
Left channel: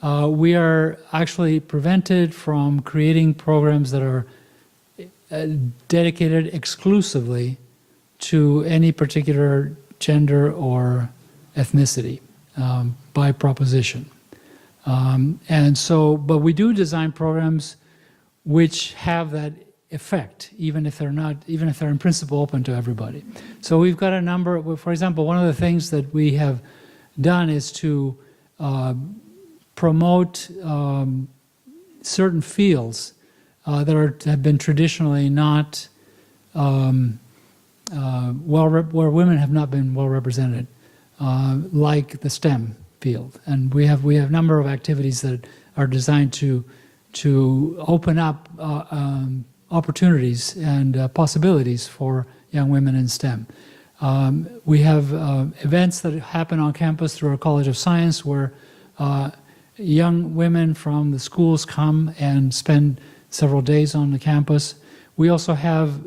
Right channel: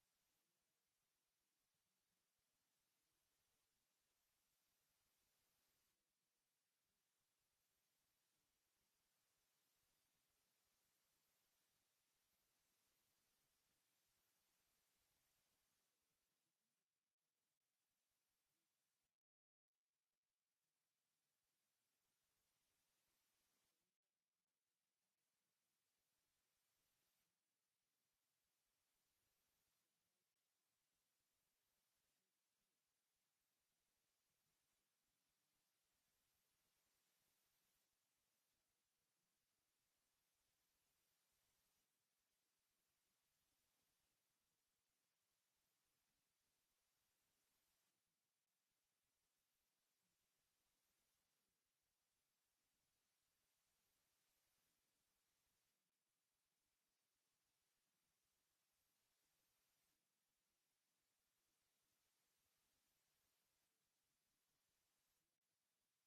we are actually prevented from creating programs that are dedicated exclusively to any particular gender or ethnicity by proposition. But we do design programs which have that effect, even if they're in principle open to everybody. So we've got a number. For example, one of the things that we have done is to promote certain fields that have been traditionally not where women have not been well represented, like the STEM field. And we have a number of activities that are designed to open up opportunities and possibilities for young women in STEM. We have events that happen on campus through our College of Science where young women from the schools come and spend several days on the campus. We also have,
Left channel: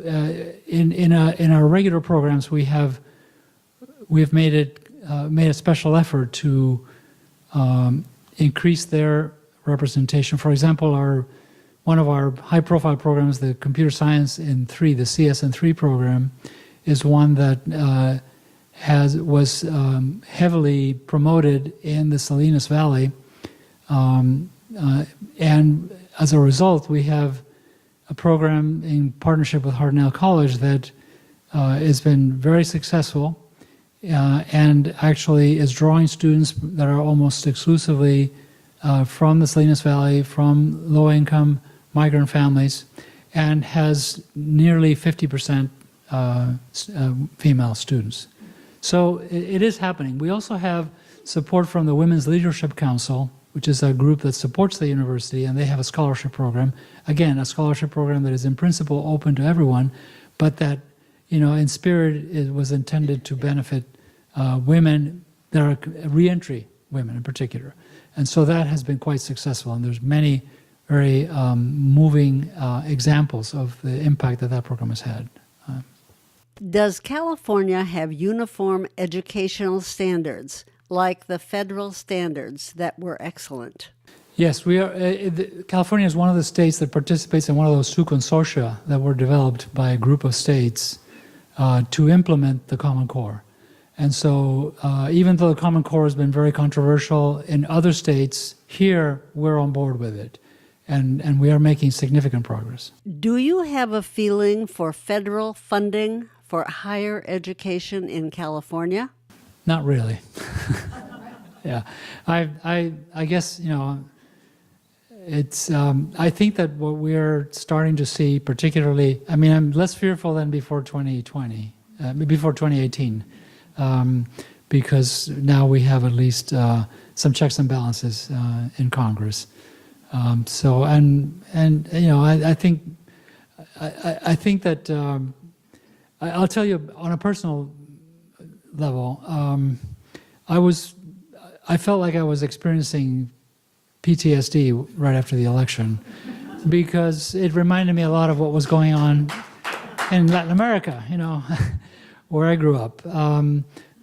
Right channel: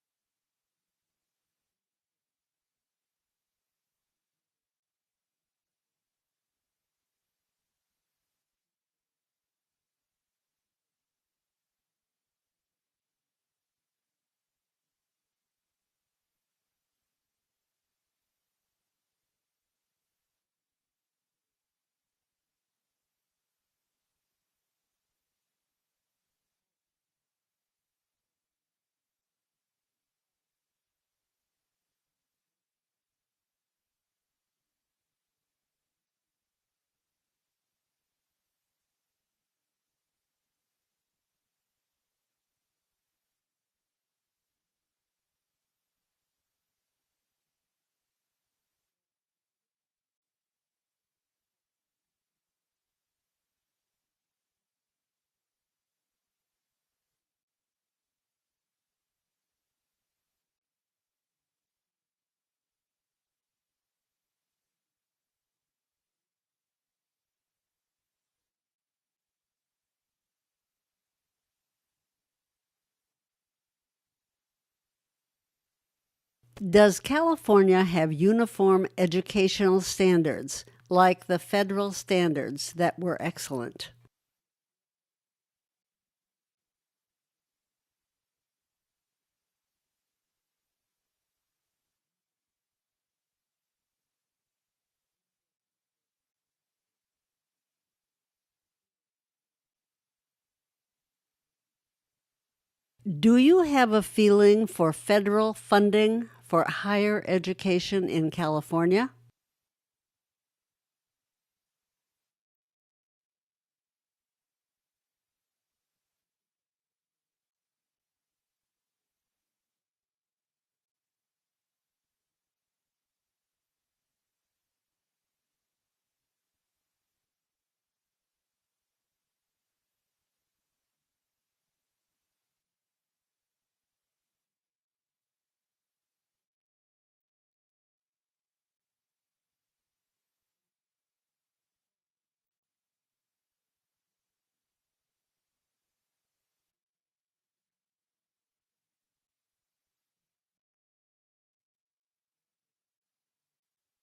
in our regular programs, we've made a special effort to increase their representation. For example, one of our high-profile programs, the Computer Science in 3, the CS in 3 program, is one that was heavily promoted in the Salinas Valley, and as a result, we have a program in partnership with Hartnell College that has been very successful, and actually is drawing students that are almost exclusively from the Salinas Valley, from low-income migrant families, and has nearly 50% female students. So it is happening. We also have support from the Women's Leadership Council, which is a group that supports the university, and they have a scholarship program. Again, a scholarship program that is in principle open to everyone, but that, in spirit, it was intended to benefit women that are reentry women in particular. And so that has been quite successful, and there's many very moving examples of the impact that program has had. Does California have uniform educational standards like the federal standards that were excellent? Yes, we are. California is one of the states that participates in one of those two consortia that were developed by a group of states to implement the Common Core. And so even though the Common Core has been very controversial in other states, here we're on board with it. And we are making significant progress. Do you have a feeling for federal funding for higher education in California? Not really. Yeah, I guess, it's, I think that what we're starting to see particularly, I'm less fearful than before 2020, before 2018, because now we have at least some checks and balances in Congress. I think that I'll tell you on a personal level, I felt like I was experiencing PTSD right after the election because it reminded me a lot of what was going on in Latin America, where I grew up.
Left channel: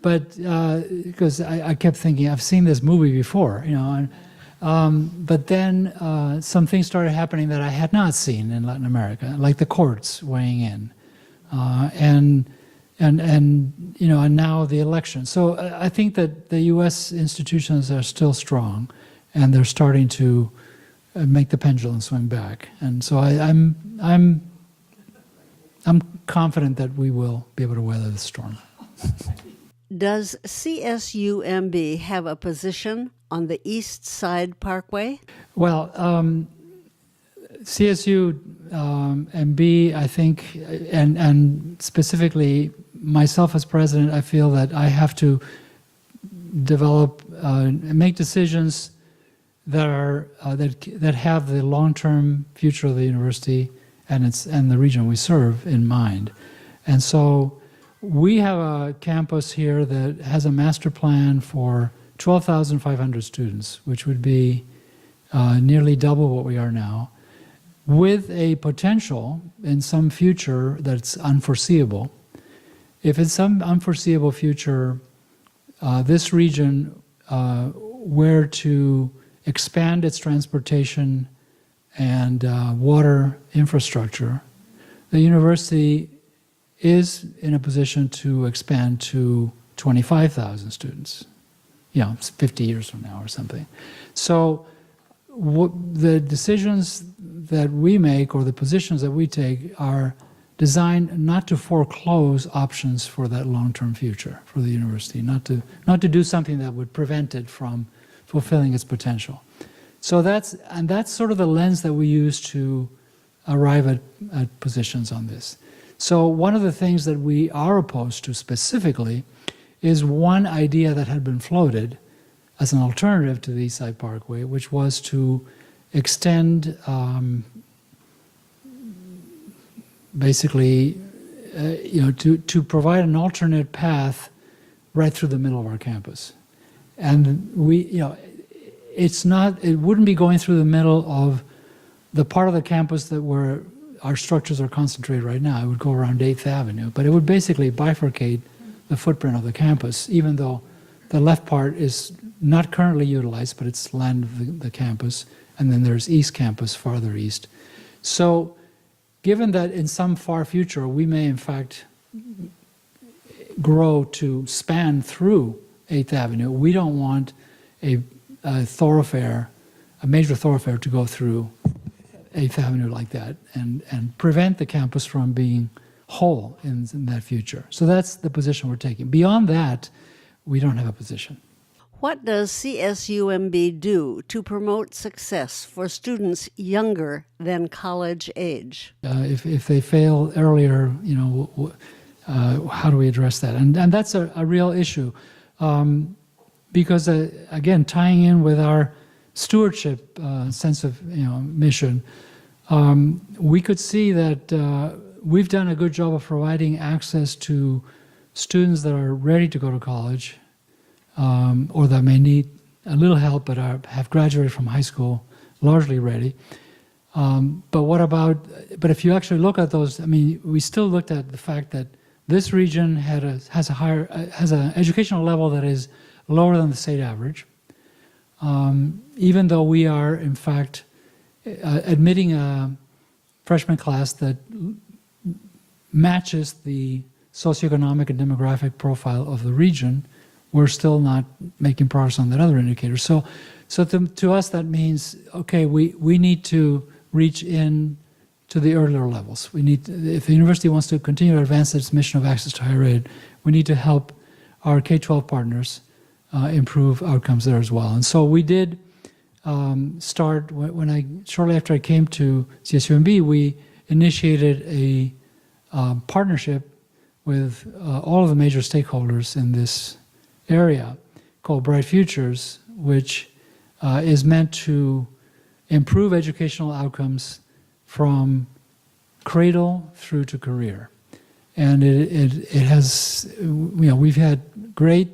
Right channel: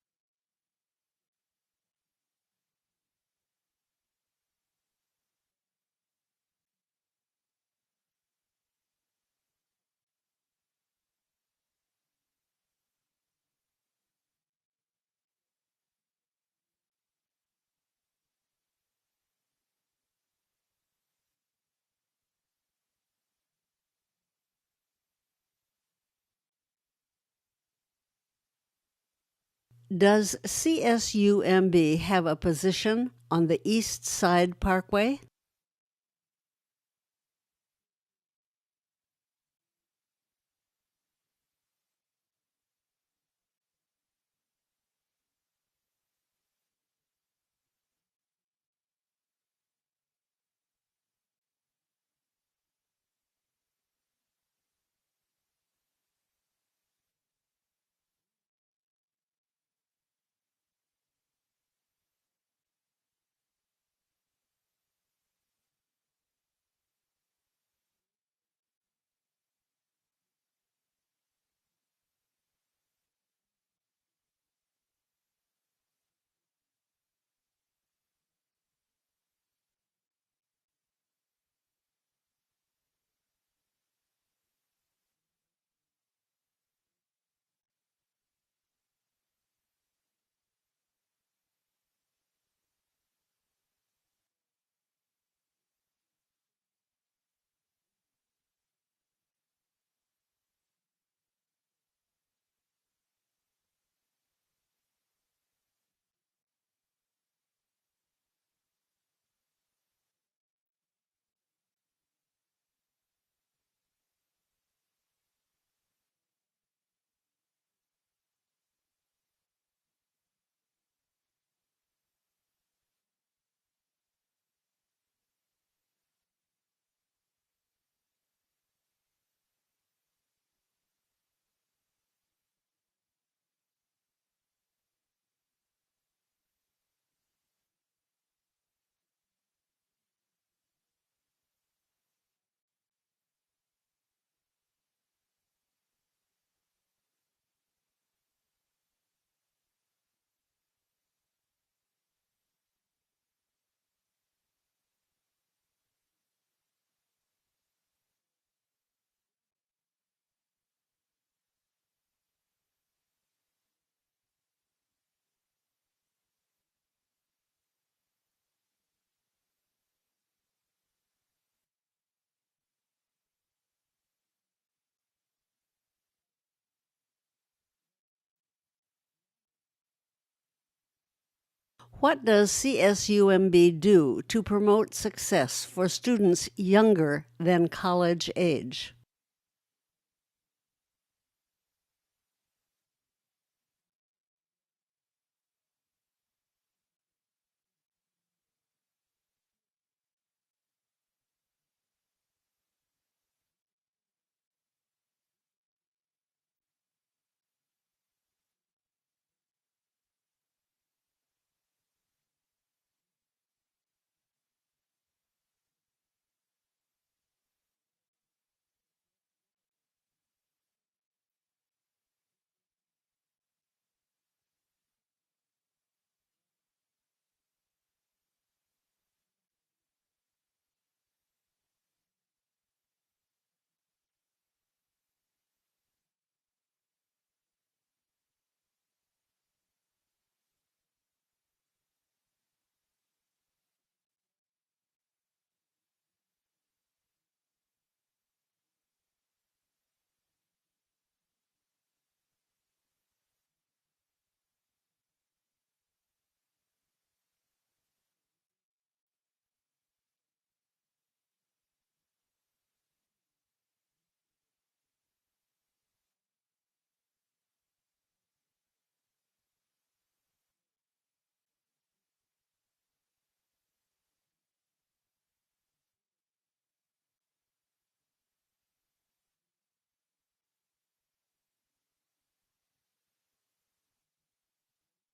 Because I kept thinking, I've seen this movie before, but then some things started happening that I had not seen in Latin America, like the courts weighing in, and now the election. So I think that the U.S. institutions are still strong, and they're starting to make the pendulum swing back. And so I'm confident that we will be able to weather the storm. Does CSUMB have a position on the East Side Parkway? Well, CSU MB, I think, and specifically myself as president, I feel that I have to develop, make decisions that are that have the long-term future of the university and the region we serve in mind, and so. We have a campus here that has a master plan for 12,500 students, which would be nearly double what we are now, with a potential in some future that's unforeseeable. If in some unforeseeable future, this region were to expand its transportation and water infrastructure, the university is in a position to expand to 25,000 students, 50 years from now or something. So the decisions that we make or the positions that we take are designed not to foreclose options for that long-term future for the university, not to do something that would prevent it from fulfilling its potential. So that's sort of the lens that we use to arrive at positions on this. So one of the things that we are opposed to specifically is one idea that had been floated as an alternative to the East Side Parkway, which was to extend basically, to provide an alternate path right through the middle of our campus. And it wouldn't be going through the middle of the part of the campus that where our structures are concentrated right now. It would go around 8th Avenue, but it would basically bifurcate the footprint of the campus, even though the left part is not currently utilized, but it's land of the campus, and then there's East Campus farther east. So given that in some far future we may in fact grow to span through 8th Avenue, we don't want a major thoroughfare to go through 8th Avenue like that and prevent the campus from being hole in that future. So that's the position we're taking. Beyond that, we don't have a position. What does CSUMB do to promote success for students younger than college age? If they fail earlier, how do we address that? And that's a real issue, because again, tying in with our stewardship sense of mission, we could see that we've done a good job of providing access to students that are ready to go to college, or that may need a little help but have graduated from high school largely ready. But if you actually look at those, we still looked at the fact that this region has an educational level that is lower than the state average, even though we are in fact admitting a freshman class that matches the socioeconomic and demographic profile of the region. We're still not making progress on that other indicator. So to us, that means, okay, we need to reach in to the earlier levels. If the university wants to continue to advance its mission of access to higher ed, we need to help our K-12 partners improve outcomes there as well. And so we did start, shortly after I came to CSUMB, we initiated a partnership with all of the major stakeholders in this area called Bright Futures, which is meant to improve educational outcomes from cradle through to career. And it has, we've had great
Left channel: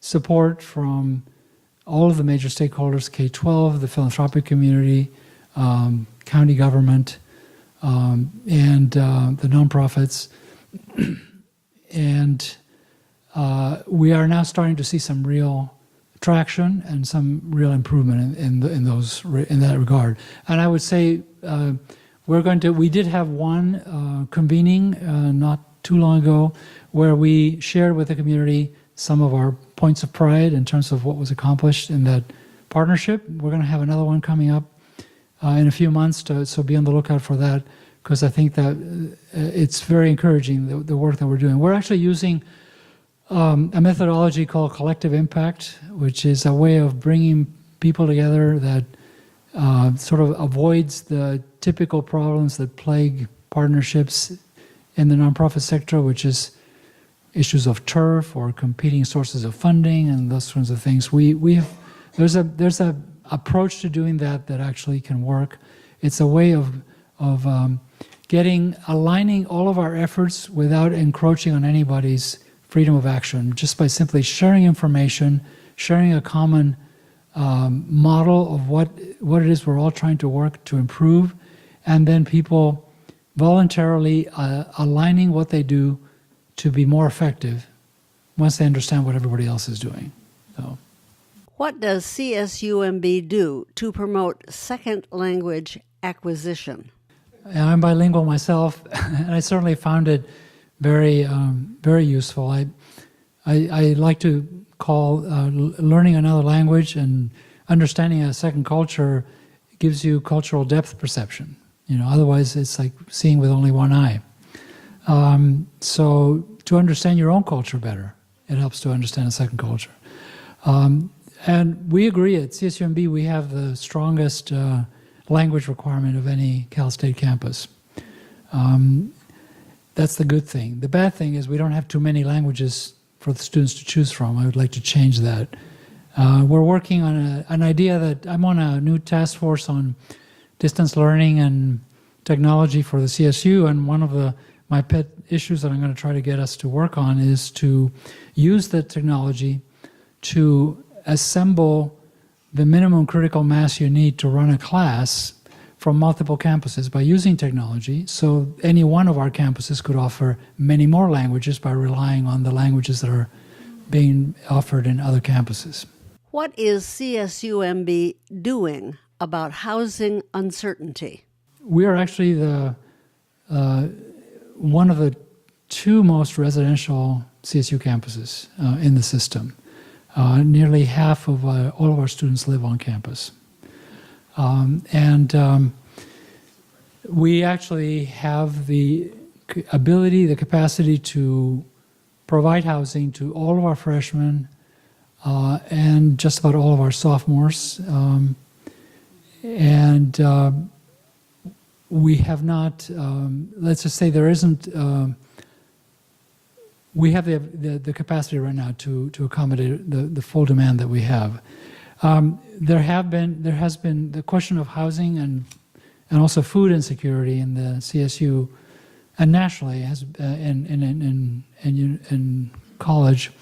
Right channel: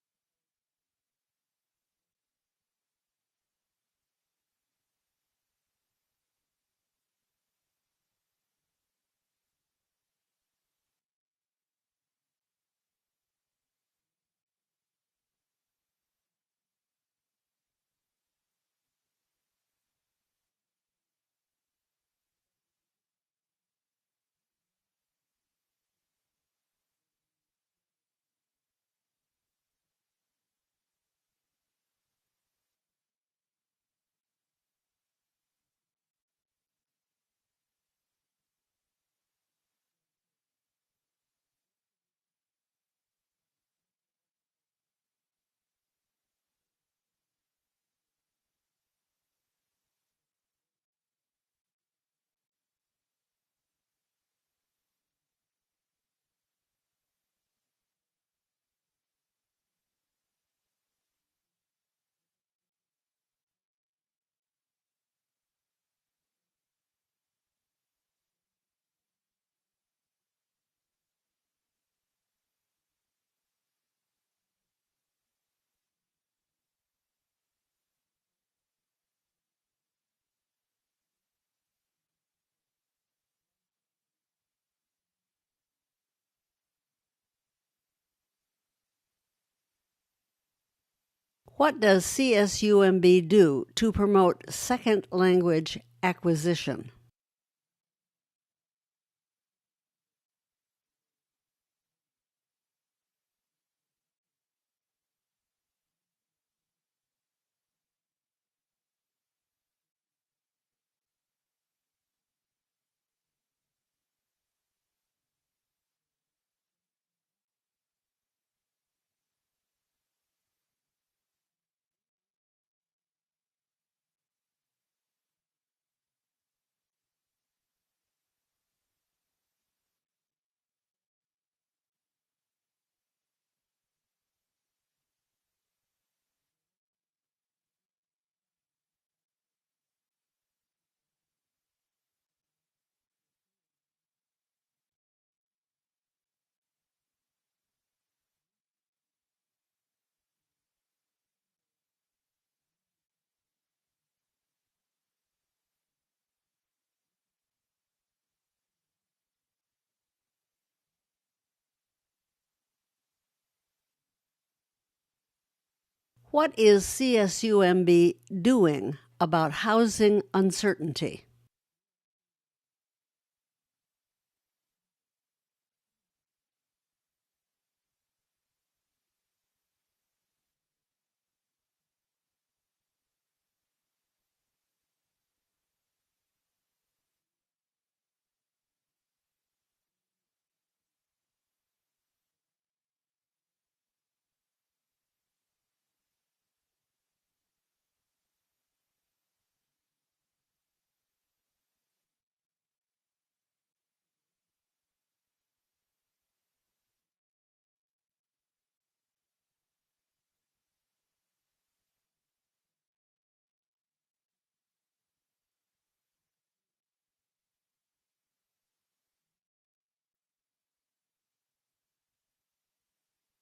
support from all of the major stakeholders, K-12, the philanthropic community, county government, and the nonprofits. And we are now starting to see some real traction and some real improvement in that regard. And I would say we did have one convening not too long ago where we shared with the community some of our points of pride in terms of what was accomplished in that partnership. We're going to have another one coming up in a few months, so be on the lookout for that, because I think that it's very encouraging, the work that we're doing. We're actually using a methodology called collective impact, which is a way of bringing people together that sort of avoids the typical problems that plague partnerships in the nonprofit sector, which is issues of turf or competing sources of funding and those sorts of things. There's a approach to doing that actually can work. It's a way of aligning all of our efforts without encroaching on anybody's freedom of action, just by simply sharing information, sharing a common model of what it is we're all trying to work to improve, and then people voluntarily aligning what they do to be more effective once they understand what everybody else is doing. So, what does CSUMB do to promote second language acquisition? And I'm bilingual myself, and I certainly found it very, very useful. I like to call learning another language and understanding a second culture gives you cultural depth perception. Otherwise it's like seeing with only one eye. So to understand your own culture better, it helps to understand a second culture. And we agree at CSUMB we have the strongest language requirement of any Cal State campus. That's the good thing. The bad thing is we don't have too many languages for the students to choose from. I would like to change that. We're working on an idea that I'm on a new task force on distance learning and technology for the CSU, and one of my pet issues that I'm going to try to get us to work on is to use the technology to assemble the minimum critical mass you need to run a class from multiple campuses by using technology. So any one of our campuses could offer many more languages by relying on the languages that are being offered in other campuses. What is CSUMB doing about housing uncertainty? We are actually one of the two most residential CSU campuses in the system. Nearly half of all of our students live on campus. We actually have the ability, the capacity to provide housing to all of our freshmen and just about all of our sophomores. We have not, let's just say there isn't, we have the capacity right now to accommodate the full demand that we have. There has been the question of housing and also food insecurity in the CSU and nationally in college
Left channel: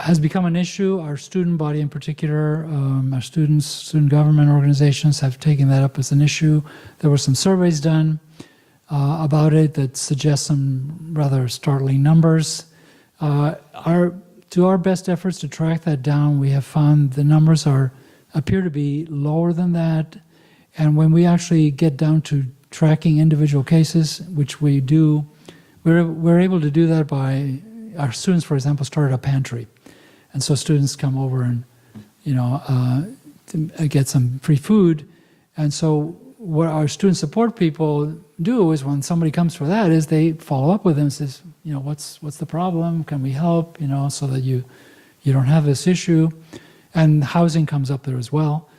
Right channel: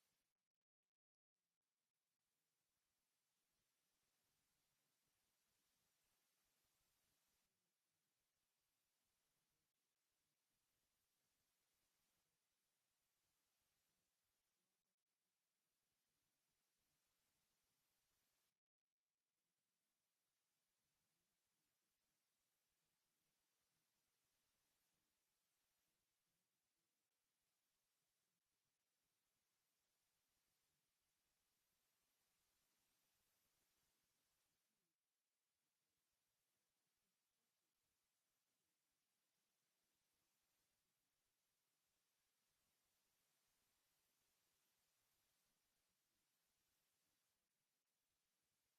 has become an issue. Our student body in particular, our student government organizations have taken that up as an issue. There were some surveys done about it that suggest some rather startling numbers. To our best efforts to track that down, we have found the numbers appear to be lower than that. And when we actually get down to tracking individual cases, which we do, we're able to do that by our students, for example, started a pantry. And so students come over and, to get some free food. And so what our student support people do is when somebody comes for that is they follow up with them and says, what's the problem? Can we help? So that you don't have this issue. And housing comes up there as well.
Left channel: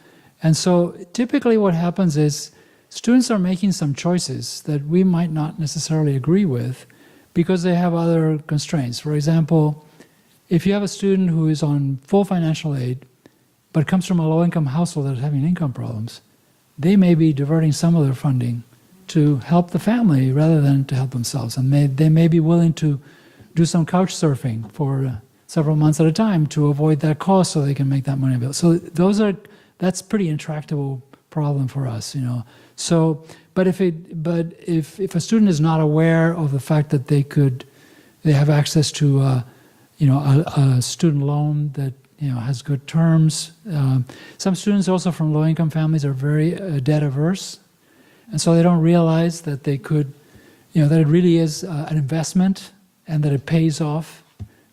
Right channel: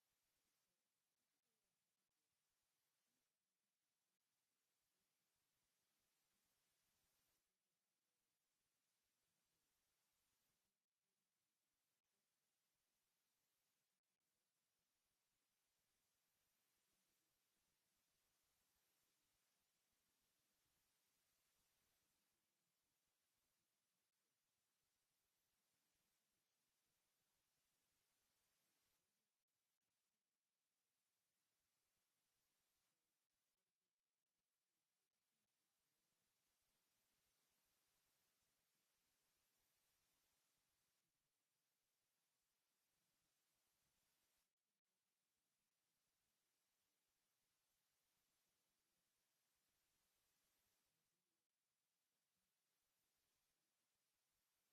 And so typically what happens is students are making some choices that we might not necessarily agree with because they have other constraints. For example, if you have a student who is on full financial aid but comes from a low-income household that's having income problems, they may be diverting some of their funding to help the family rather than to help themselves. And they may be willing to do some couch surfing for several months at a time to avoid that cost so they can make that money available. So that's pretty intractable problem for us, So, but if a student is not aware of the fact that they have access to a student loan that has good terms. Some students also from low-income families are very debt averse, and so they don't realize that they could, that it really is an investment and that it pays off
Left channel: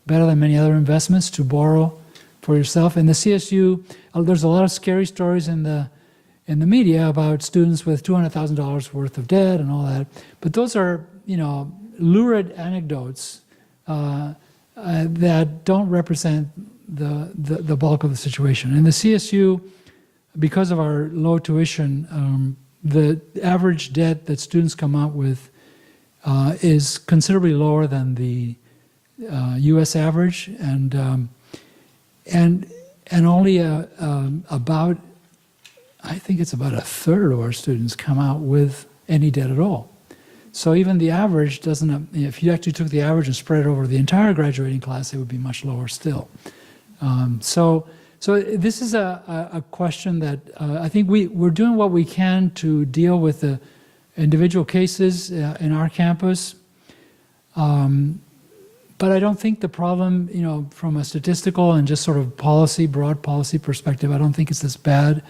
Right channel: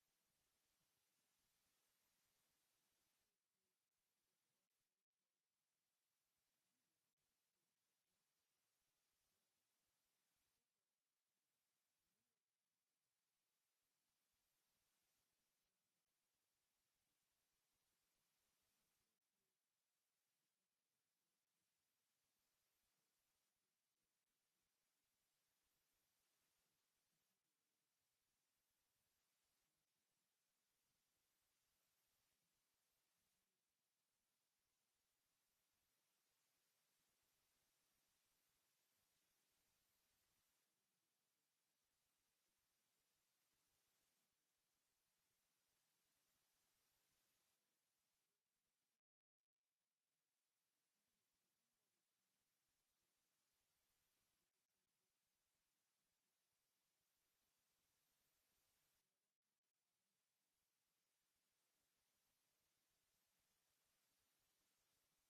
better than many other investments to borrow for yourself. In the CSU, there's a lot of scary stories in the media about students with $200,000 worth of debt and all that, but those are lurid anecdotes that don't represent the bulk of the situation. In the CSU, because of our low tuition, the average debt that students come out with is considerably lower than the U.S. average, and only about, I think it's about a third of our students come out with any debt at all. So even the average doesn't, if you actually took the average and spread it over the entire graduating class, it would be much lower still. So this is a question that I think we're doing what we can to deal with the individual cases in our campus. But I don't think the problem, from a statistical and just sort of broad policy perspective, I don't think it's as bad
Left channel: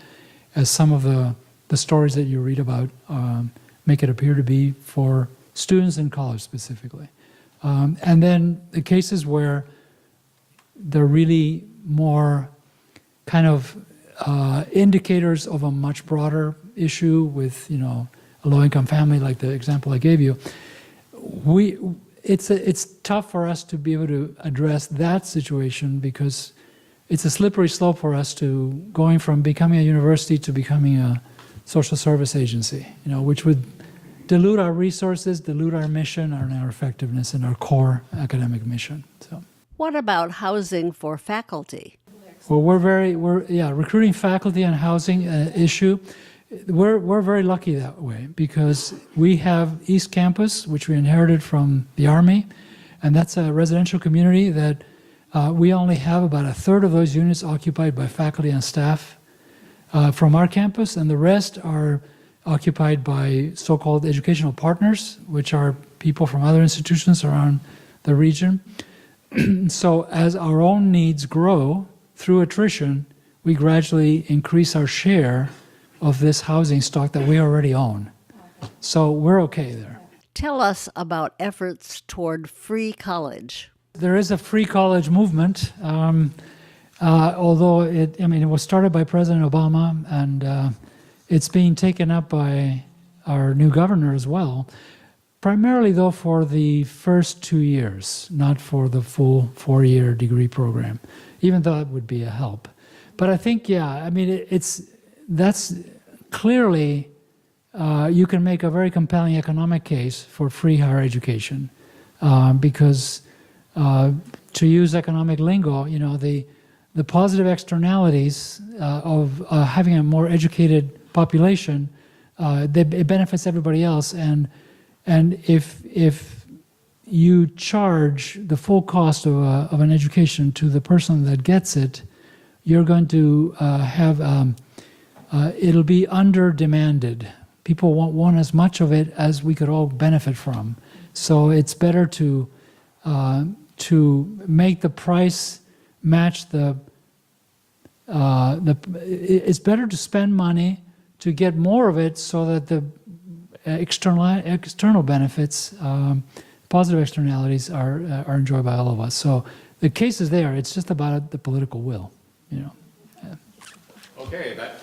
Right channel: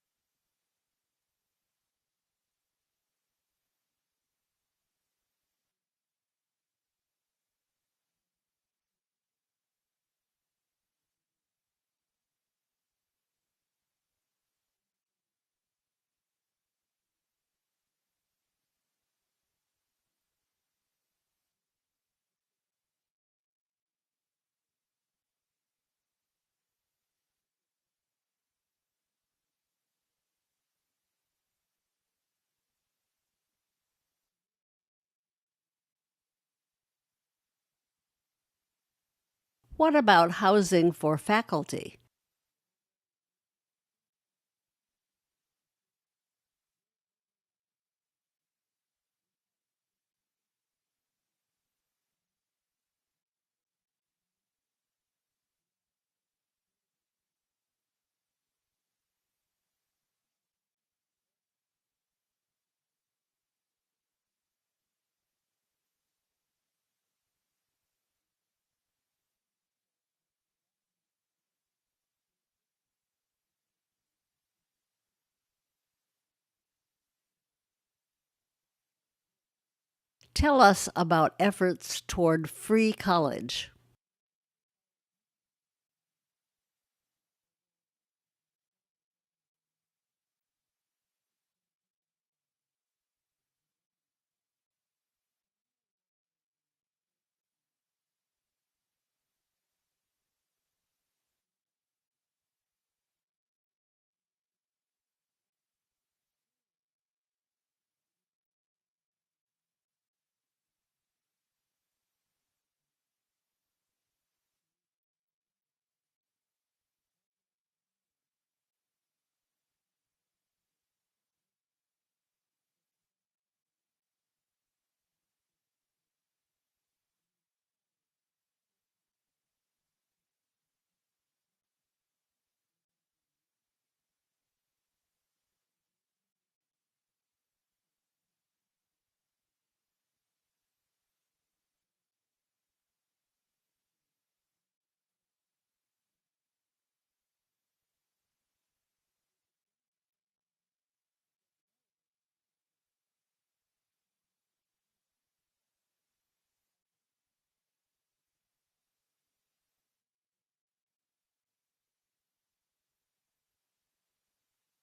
as some of the stories that you read about make it appear to be for students in college specifically. And then the cases where they're really more kind of indicators of a much broader issue with, a low-income family, like the example I gave you, it's tough for us to be able to address that situation because it's a slippery slope for us to going from becoming a university to becoming a social service agency, which would dilute our resources, dilute our mission, our effectiveness, and our core academic mission. So, What about housing for faculty? well, recruiting faculty and housing issue. We're very lucky that way because we have East Campus, which we inherited from the Army, and that's a residential community that we only have about a third of those units occupied by faculty and staff from our campus, and the rest are occupied by so-called educational partners, which are people from other institutions around the region. So as our own needs grow through attrition, we gradually increase our share of this housing stock that we already own. So we're okay there. Tell us about efforts toward free college. There is a free college movement, although it was started by President Obama, and it's being taken up by our new governor as well. primarily though for the first 2 years, not for the full 4-year degree program, even though that would be a help. But I think, yeah, I mean, that's clearly, you can make a very compelling economic case for free higher education, because to use economic lingo, you know, the positive externalities of having a more educated population, it benefits everybody else, and if you charge the full cost of an education to the person that gets it, you're going to have it'll be under demanded. People won't want as much of it as we could all benefit from. So it's better to make the price match it's better to spend money to get more of it so that the external benefits, positive externalities are enjoyed by all of us. So the case is there. It's just about the political will, you know. Okay, that